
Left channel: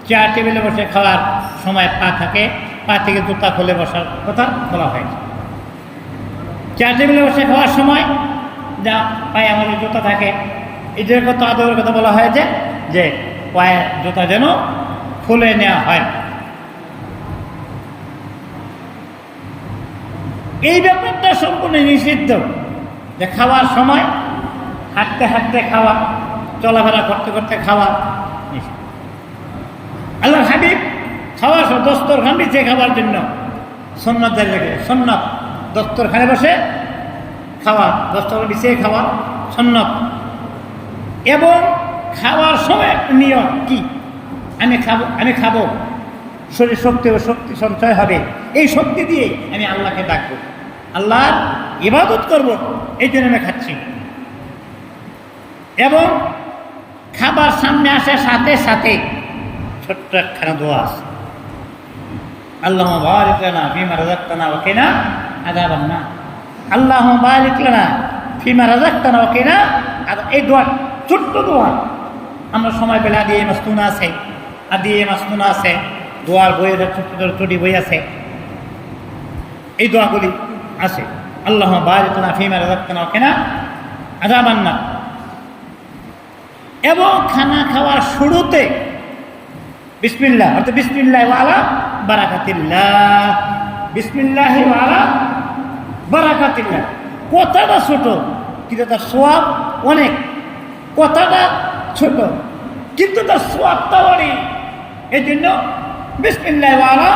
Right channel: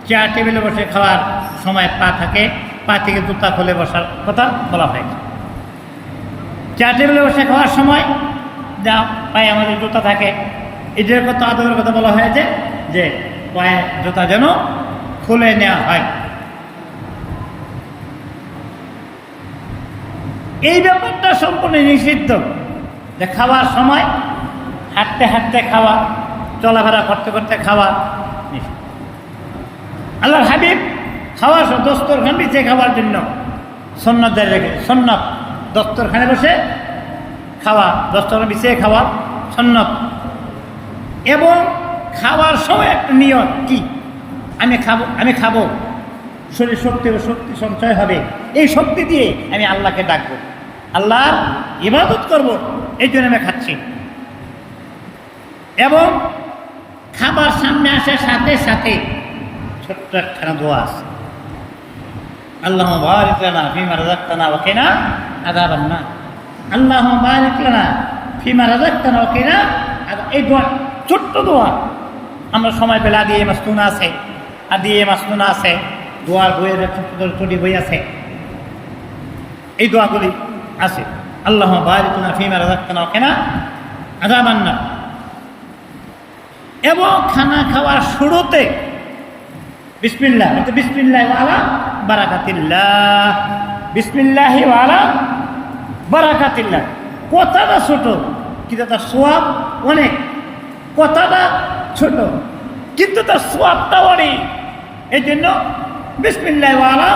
চেয়ার টেবিলে বসে খাওয়ার সময় পা থাকে, পা থেকে জুতা খুলে বসার কথা বলা হয়। চেয়ার টেবিলে বসে খাওয়ার সময় যা পায়ে আমাদের জুতা থাকে, এদের কত আদরের কথা বলা হয়েছে যে পায়ে জুতা যেন খুলে নেওয়া হয়। এই ব্যাপারটা সম্পূর্ণ নিষিদ্ধ, যে খাওয়ার সময় হাঁটতে হাঁটতে খাওয়া, চলাফেরা করতে করতে খাওয়া নিষিদ্ধ। আল্লাহর হাবিব খাওয়ার দস্তরখান বিছিয়ে খাওয়ার জন্য সুন্নাত জারি রেখেছে। সুন্নাত দস্তরখানে বসে খাওয়া, দস্তরখান বিছিয়ে খাওয়া সুন্নাত। এবং খাওয়ার সময় একটা নিয়ম কি, আমি খাবো, শরীর শক্তি সঞ্চয় হবে, এই শক্তি দিয়ে আমি আল্লাহকে ডাকবো, আল্লাহর ইবাদত করব, এই জন্য আমি খাচ্ছি। এবং খাবার সামনে আসে সাথে সাথে ছোট্ট একখানা দোয়া আছে, আল্লাহুম্মা বারিক লানা ফীমা রাযাকতানা ওয়া কিনা আযাবান নার। আল্লাহুম্মা বারিক লানা ফীমা রাযাকতানা ওয়া কিনা আযাব। এই দোয়া ছোট্ট দোয়া, আমরা সময় পেলে আদিয়ে মাসনুনা আছে, আদিয়ে মাসনুনা আছে, দোয়ার বইয়ের ছোট্ট ছোটি বই আছে, এই দোয়াগুলি আছে। আল্লাহুম্মা বারিক লানা ফীমা রাযাকতানা ওয়া কিনা আযাবান নার। এবং খানা খাওয়ার শুরুতে বিসমিল্লাহ, অর্থাৎ বিসমিল্লাহি ওয়া আলা বারাকাতিল্লাহ, বিসমিল্লাহি ওয়া আলা বারাকাতিল্লাহ। কথাটা ছোট কিন্তু তার সওয়াব অনেক, কথাটা ছোট কিন্তু তার সওয়াবটা অনেক। এই জন্য বিসমিল্লাহি ওয়া আলা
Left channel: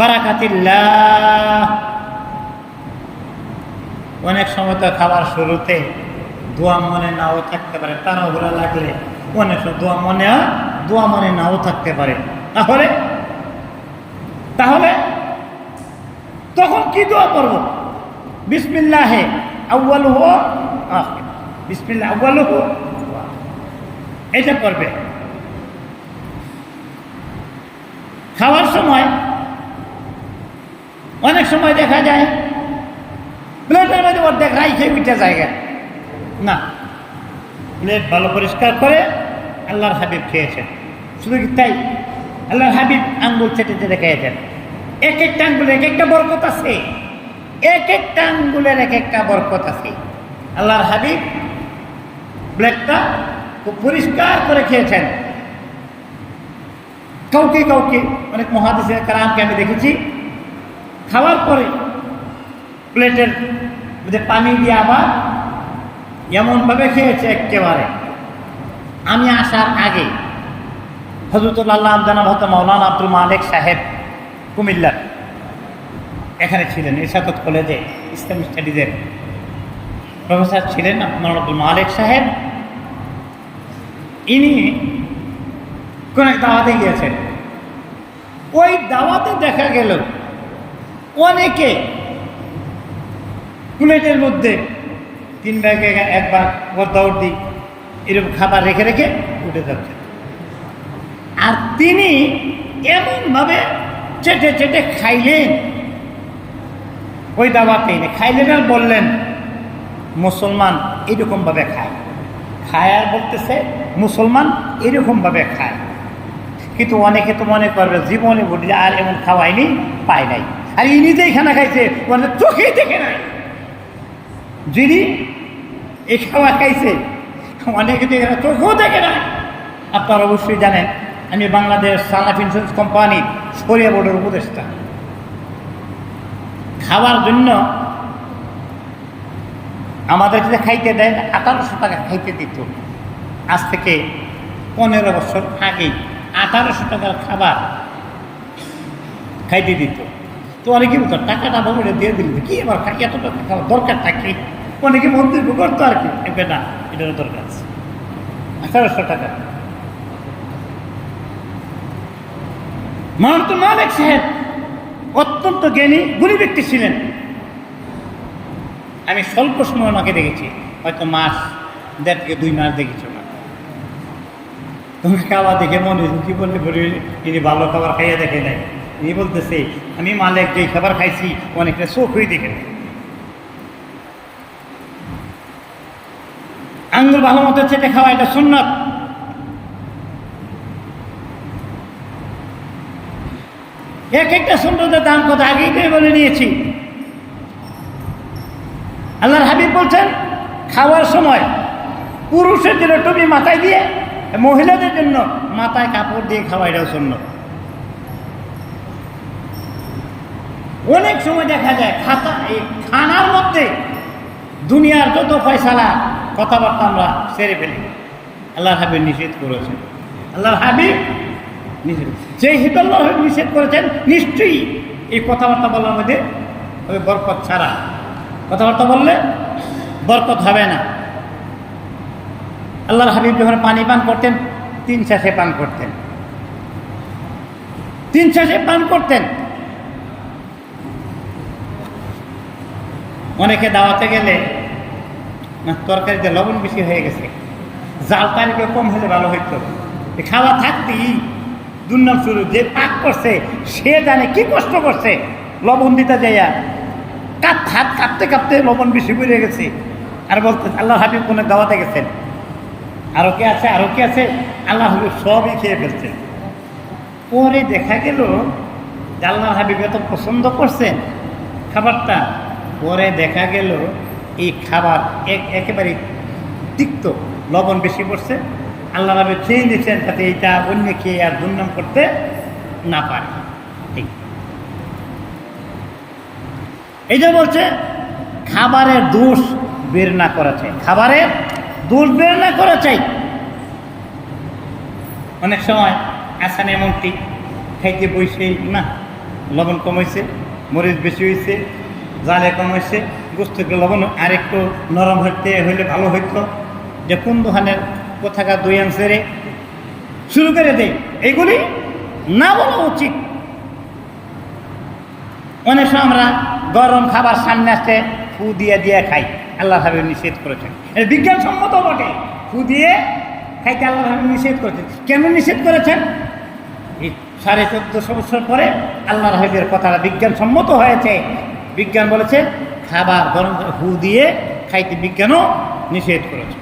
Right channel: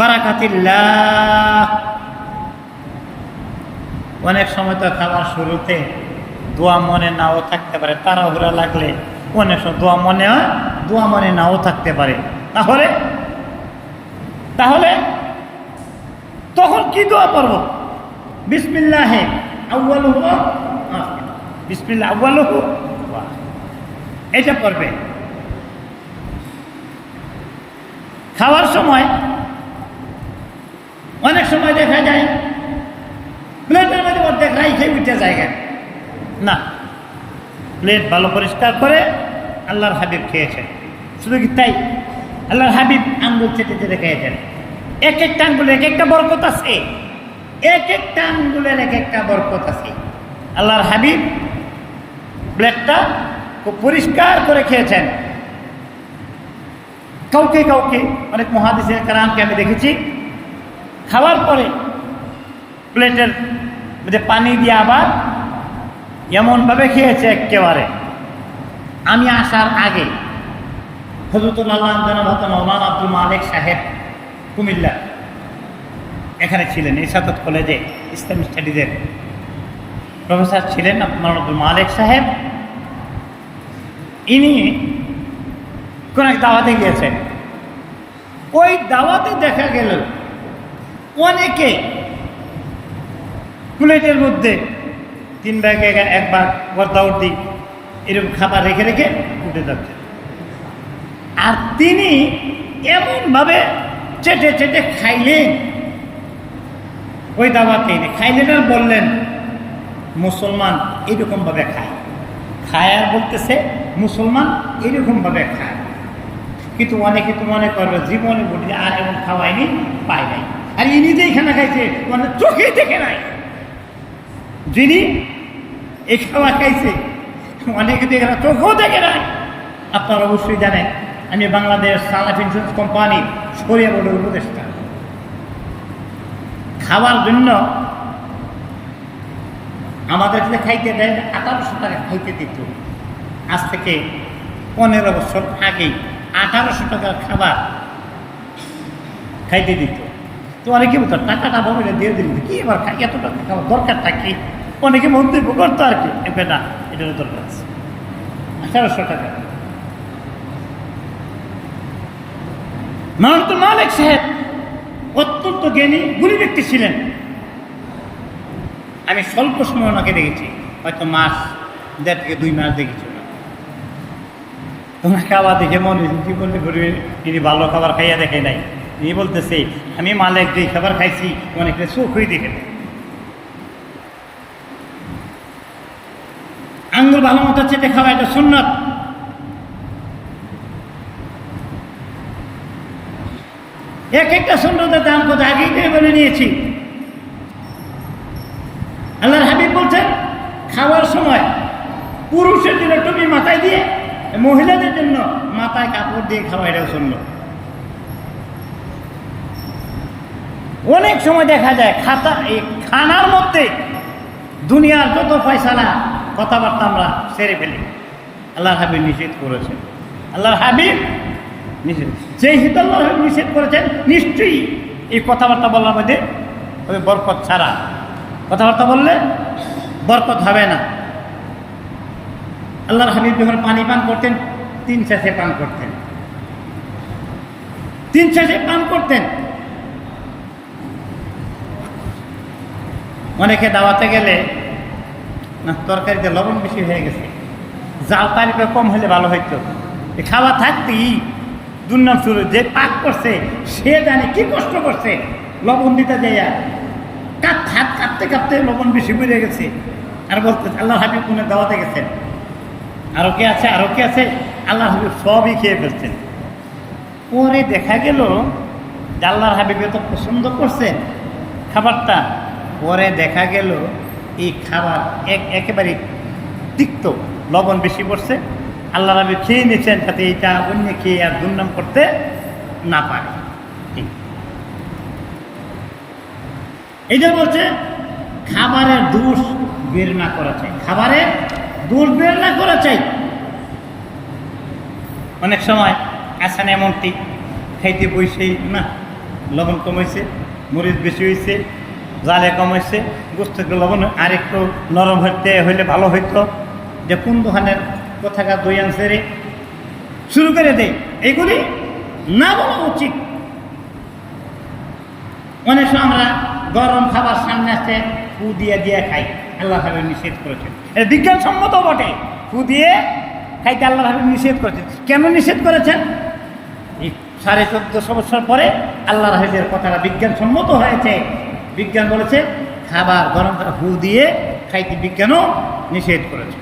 বারাকাতিল্লাহ। অনেক সময় তো খাবার শুরুতে দোয়া মনে নাও থাকতে পারে, তাড়াহুড়া লাগলে অনেক সময় দোয়া মনে হয়, দোয়া মনে নাও থাকতে পারে। তাহলে তখন কি দোয়া পড়ব? বিসমিল্লাহে আউয়ালুহু ওয়া আখির, বিসমিল্লাহ আউয়ালুহু ওয়া আখির, এটা পড়বে। খাওয়ার সময় অনেক সময় দেখা যায় প্লেটের মধ্যে অর্ধেক রাইখে উঠে জায়গা না, প্লেট ভালো পরিষ্কার করে আল্লাহর হাবিব খেয়েছেন। শুধু কি তাই? আল্লাহর হাবিব আঙ্গুল চেটে চেটে খেয়েছেন। এক একটা আঙ্গুলের এক একটা বরকত আছে, এক একটা আঙ্গুলের এক একটা বরকত আছে। আল্লাহর হাবিব প্লেটটা খুব পরিষ্কার করে খেয়েছেন। কাউকে কাউকে অনেক মুহাদ্দিসিনে কেরামকে আমি দেখেছি খাওয়ার পরে প্লেটের মধ্যে পানি দিয়ে আবার এমনভাবে খেয়েছে একেবারে। আমি আসার আগে হযরতুল্লাহ জানাব হযরত মাওলানা আব্দুল মালিক সাহেব কুমিল্লা এখানে ছিলেন, ইরশাদ কলেজে ইসলামিক স্টাডিজের প্রফেসর ছিলেন মাওলানা আব্দুল মালিক সাহেব। ইনি কোন এক দাওয়াতে গিয়েছেন। ওই দাওয়াতে দেখা গেল অনেকে প্লেটের মধ্যে 3 ভাগে 1 ভাগ বর্দাউর্দি এরকম খাবার রেখে রেখে উঠে যাচ্ছে। আর তিনি এমনভাবে চেটে চেটে খাইলেন, ওই দাওয়াতে খাইলেন আর বললেন মুসলমান এরকমভাবে খায়, খায় আর বলতেছে মুসলমান এরকমভাবে খায়। কিন্তু অনেকে তো মনে করবে জীবনে বলি আর এমন খাওয়াইনি, পায় নাই। আর ইনি যে খানা খাইছে মানে চোখেই দেখে নাই। যিনি এই খাওয়া খাইছে অনেকে দেখে না, চোখেও দেখে নাই। আপনারা অবশ্যই জানেন আমি বাংলাদেশ সালাফ ইন্স্যুরেন্স কোম্পানির শরিয়া বোর্ডের উপদেষ্টা। খাওয়ার জন্য আমাদের কাছে খাইতে দেয় 1800 টাকা খাইতে দিত। আজ থেকে 15 বছর আগেই 1800 টাকার খাবার খাইতে দিত। তো অনেকে বলতো টাকাটা বলে দিয়ে দিল, কি এবার এত টাকা খাওয়ার দরকার থাকে? অনেকে মন্তব্য করতো আর কি, না এটারও দরকার আছে। 1800 টাকা। মাওলানা মালিক সাহেব অত্যন্ত জ্ঞানী গুণী ব্যক্তি ছিলেন। আমি স্বল্প সময় ওনাকে দেখেছি, হয়তো মাস 1.5 থেকে 2 মাস দেখেছি ওনাকে। ওনার খাওয়া দেখে মনে হয়েছে জীবনে ইনি ভালো খাবার খাইয়া দেখে নাই। ইনি বলতেছে আমি মালিক যে খাবার খাইছি অনেকটা চোখই দেখে নেই। আঙ্গুল ভালো মতো চেটে খাওয়া এটা সুন্নত। এক একটা সুন্নতের দাম কত আগেই তো বলে নিয়েছি। আল্লাহর হাবিব বলছেন খাওয়ার সময় পুরুষের জন্য টুপি মাথায় দিয়ে, মহিলাদের জন্য মাথায় কাপড় দিয়ে খাওয়া এটাও সুন্নত। অনেক সময় দেখা যায় এই খানার মধ্যে দুনিয়ার যত ফয়সালা কথাবার্তা আমরা সেরে ফেলি। আল্লাহর হাবিব নিষেধ করেছেন। আল্লাহর হাবিব নিষেধ, যেহেতু আল্লাহর হাবিব নিষেধ করেছেন, নিশ্চয়ই এই কথাবার্তা বলার মধ্যে বরকত ছাড়া, কথাবার্তা বললে বরকত হবে না। আল্লাহর হাবিব যখন পানি পান করতেন 3 শ্বাসে পান করতেন, 3 শ্বাসে পান করতেন। অনেকে দাওয়াতে গেলে না তরকারিতে লবণ বেশি হয়ে গেছে, জাল তারিখে কম হলে ভালো হইতো, খাওয়া থাকতেই দুর্নাম শুরু। যে পাক করছে সে জানে কি কষ্ট করছে, লবণ দিতে যায় আর হাত কাঁপতে কাঁপতে লবণ বেশি বেড়ে গেছে। আর বলতে আল্লাহর হাবিব কোনে দাওয়াতে গেছেন, আরো কে আছে, আরো কে আছে, আল্লাহর হাবিব সবই খেয়ে ফেলছেন। পরে দেখা গেল যে আল্লাহর হাবিব এত পছন্দ করছেন খাবারটা, পরে দেখা গেল এই খাবার একেবারে তিক্ত, লবণ বেশি পড়ছে। আল্লাহর হাবিব খেয়ে নিয়েছেন যাতে এইটা অন্য খেয়ে আর দুর্নাম করতে না পারে। ঠিক এইটা বলছে খাবারের দোষ বের না করা চাই, খাবারের দোষ বের না করা চাই। অনেক সময় আসান এমনটি খাইতে বইসেই না লবণ কমাইছে, মরিচ বেশি হয়েছে, জালে কমাইছে, গোস্তকে লবণ আর একটু নরম হইলে ভালো হইতো, যে কোন দোকানের কোথাকার দই আনছে রে, শুরু করে দেয়। এইগুলি না বলা উচিত। অনেক সময় আমরা গরম খাবার সামনে আসতে ফু দিয়ে দিয়ে খাই, আল্লাহ হাবিব নিষেধ করেছেন। এটা বিজ্ঞানসম্মত বটে, ফু দিয়ে খাইতে আল্লাহ হাবিব নিষেধ করেছেন। কেন নিষেধ করেছেন? এই 1450 বছর পরে আল্লাহ হাবিবের কথাটা বিজ্ঞানসম্মত হয়েছে। বিজ্ঞান বলেছে খাবার গরম ফু দিয়ে খাইতে বিজ্ঞানও নিষেধ করেছে।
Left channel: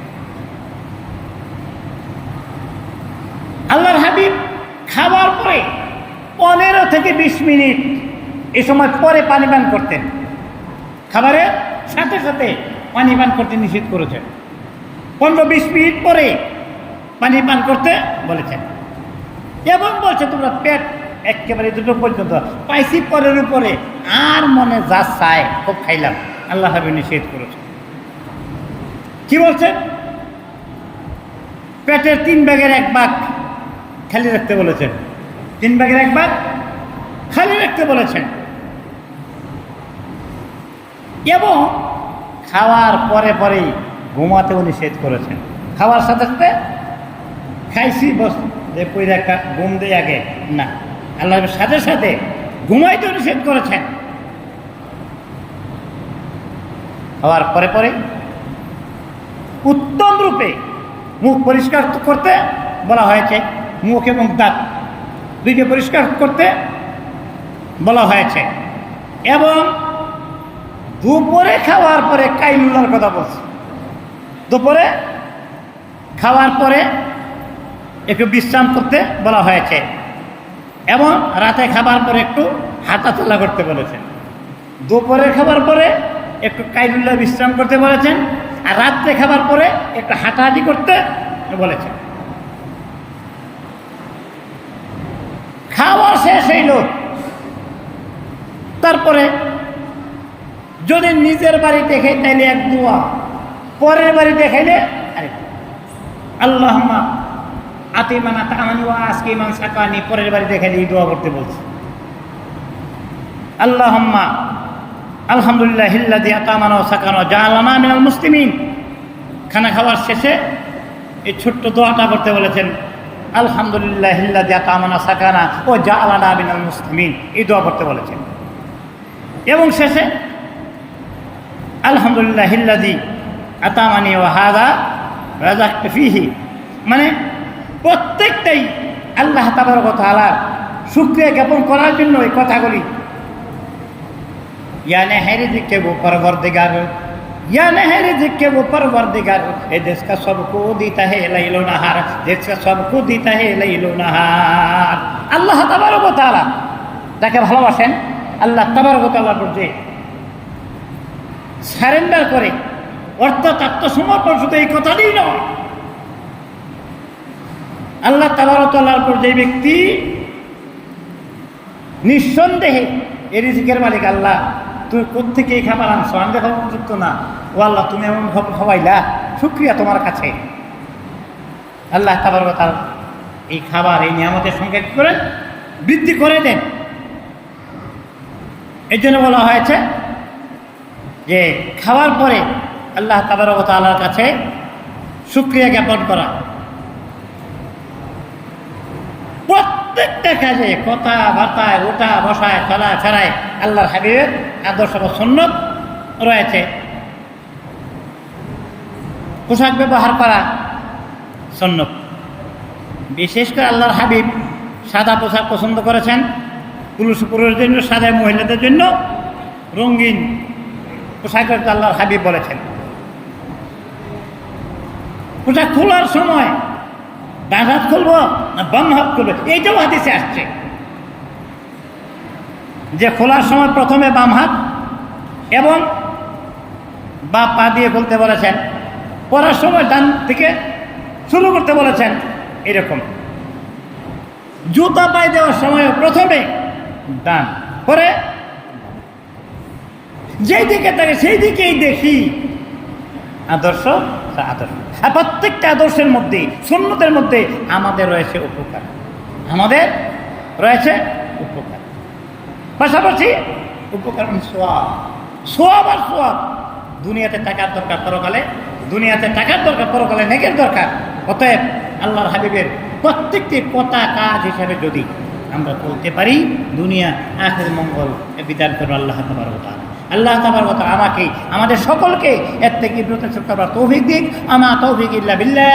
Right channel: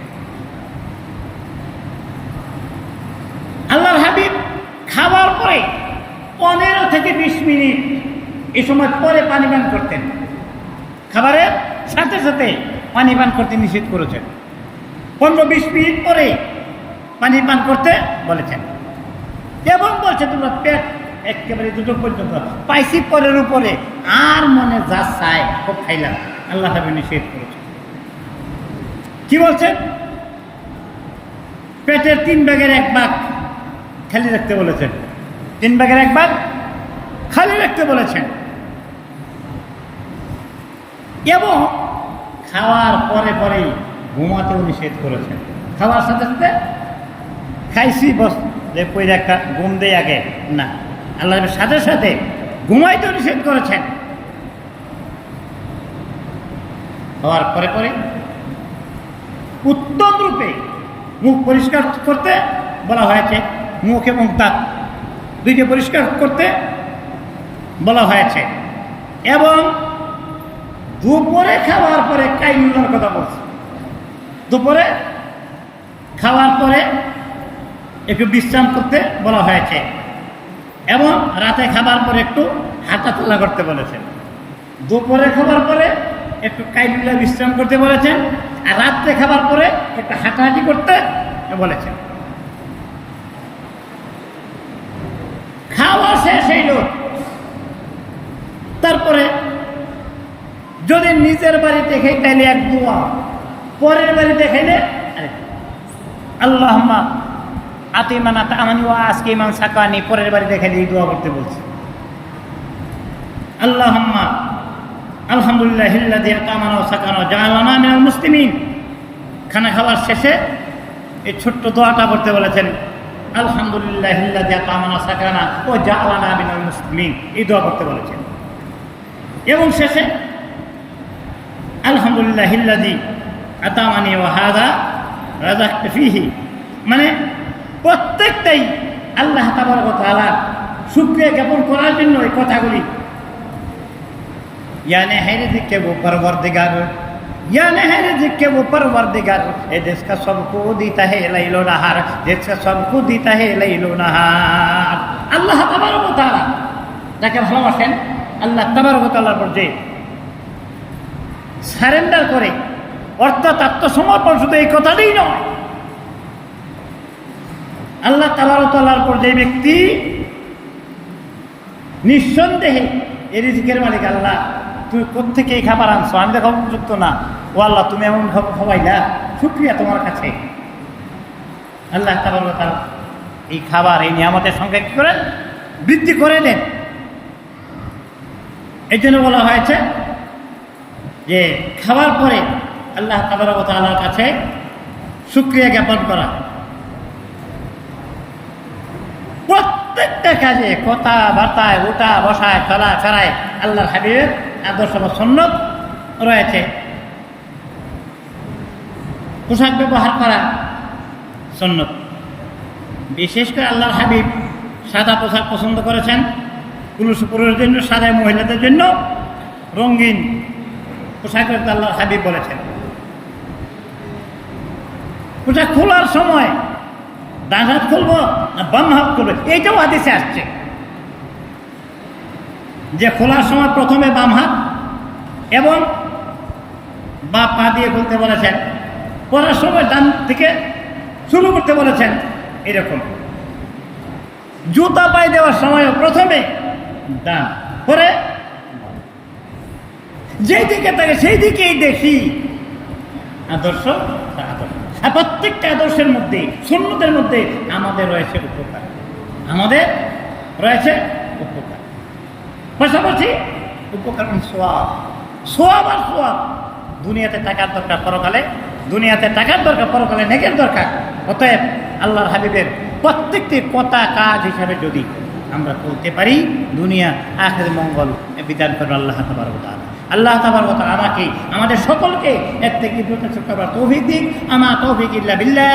আল্লাহর হাবিব খাবার পরে 15 থেকে 20 মিনিট এই সময় পরে পানি পান করতেন, খাবারের সাথে সাথে পানি পান করতে নিষেধ করেছেন। 15-20 মিনিট পরে পানি পান করতে বলেছেন এবং বলছে তোমরা পেট একেবারে দুটো পর্যন্ত পাইছি পরের উপরে আর মনে যা চায় খুব খাইলাম, আল্লাহ হাবিব নিষেধ করেছেন। কি বলছেন? পেটের 3 ভাগের 1 ভাগ খালি রাখতে বলেছেন, 3 ভাগের 1 ভাগ খালি রাখতে বলেছেন। এবং খাওয়ার পরে পরেই ঘুমাতেও নিষেধ করেছেন। খাওয়ার সাথে সাথে খাইছি বস যে পই রাখা ঘুম দেয় আগে না, আল্লাহর সাথে সাথে ঘুমাইতেও নিষেধ করেছেন। খাওয়ার পরে পরে উত্তম রূপে মুখ পরিষ্কার করতে বলা হয়েছে, মুখ এবং দাঁত দুইটা পরিষ্কার করতে বলা হয়েছে। এবং দুপুরে খাওয়ার পরে কাইলুলার কথা বলছে, দুপুরে খাওয়ার পরে একটু বিশ্রাম করতে বলা হয়েছে এবং রাতে খাবার পরে একটু হাঁটাচলা করতে বলেছেন। দুপুরে খাবার পরে একটু কাইলুলা বিশ্রাম করতে বলেছেন আর রাত্রে খাবার পরে একটু হাঁটাহাঁটি করতে বলেছেন। খাওয়া শেষ হইল, তারপরে যদি নিজের বাড়িতে খাই তাইলে এক দোয়া, পরের বাড়িতে খাইলে আরে আল্লাহুম্মা আতিমান আতামানি ওয়া আসকিমান সাকানি, পরের বাড়িতে খাইলে এই দোয়া করতে বলছে। আল্লাহুম্মা আলহামদুলিল্লাহিল্লাযী আতামানা ওয়া সাকানা ওয়া জাআলানা মিনাল মুসলিমিন। খানা খাওয়ার শেষে এই ছোট্ট দোয়াটা করতে বলেছেন, আলহামদুলিল্লাহিল্লাযী আতামানা সাকানা ওয়া জাআলানা মিনাল মুসলিমিন, এই দোয়া করতে বলেছেন। এবং শেষে আলহামদুলিল্লাহিল্লাযী আতামানি ওয়া হাযা রাযাকতা ফীহি, মানে প্রত্যেকটাই আল্লাহ তাবারক ওয়া তাআলার শুকরিয়া জ্ঞাপন করার জন্য এই কথাগুলি। यानी है रिज़्क़ के वो परवरदिगार या नहर जिसके वो परवरदिगार ये जिसका सबको देता है लैलो नहार, जिसका सबको देता है लैलो नहार। আল্লাহ তাবারক ওয়া তাআলা যাকে ভালোবাসেন, আল্লাহ তাবারক ওয়া তাআলার উপর যে সারেন্ডার করে, অর্থাৎ আত্মসমর্পণ, শুধু এই কথাটাই নয়, আল্লাহ তাবারক ওয়া তাআলার উপর যে ব্যক্তি নিঃসন্দেহে এই রিজিকের মালিক, আল্লাহ তুই কোত্থেকে এই খাবার আনছো, আমি দেখো উপযুক্ত না, ও আল্লাহ তুমি এমন খাওয়াইলা, শুকরিয়া তোমার কাছে। আল্লাহ তাবারক ওয়া তাআলা এই খাবার, এই নিয়ামতের সংখ্যা কি করেন? বৃদ্ধি করে দেন। এই জন্য বলা হয়েছে যে খাওয়ার পরে আল্লাহ তাবারক ওয়া তাআলার কাছে শুকরিয়া জ্ঞাপন করা। প্রত্যেকটা কাজে, কথা বার্তায়, ওঠা বসায়, চলা ফেরায় আল্লাহর হাবিবের আদর্শ বা সুন্নত রয়েছে। পোশাক ব্যবহার করা সুন্নত। বিশেষ করে আল্লাহর হাবিব সাদা পোশাক পছন্দ করেছেন। পুরুষের জন্য সাদা, মহিলাদের জন্য রঙিন পোশাকের আল্লাহর হাবিব বলেছেন। পোশাক খোলার সময় ডান হাত খুলবো না বাম হাত খুলবে, এইটাও হাদিসে আসছে যে খোলার সময় প্রথমে বাম হাত এবং বা পা দিয়ে খুলতে বলেছেন, পরার সময় ডান থেকে শুরু করতে বলেছেন। এরকম জুতা পায়ে দেওয়ার সময় প্রথমে ডান, পরে যেই দিকে থাকে সেই দিকেই দেখি। আদর্শ আদর্শ, আর প্রত্যেকটা আদর্শের মধ্যে, সুন্নতের মধ্যে আমাদের রয়েছে উপকার, আমাদের রয়েছে উপকার। পাশাপাশি উপকার মানে সোয়াব, সোয়াব আর সোয়াব। দুনিয়াতে টাকার দরকার, পরকালে দুনিয়াতে টাকার দরকার, পরকালে নেকের দরকার। অতএব আল্লাহর হাবিবের প্রত্যেকটি কথা কাজ হিসাবে যদি আমরা চলতে পারি, দুনিয়া আখির মঙ্গল বিধান করবেন আল্লাহ তাবারক ওয়া তাআলা। আল্লাহ তাবারক ওয়া তাআলা আমাকে, আমাদের সকলকে এর থেকে বিরত থাকার তৌফিক দিক। আমা তৌফিক ইল্লা বিল্লাহ।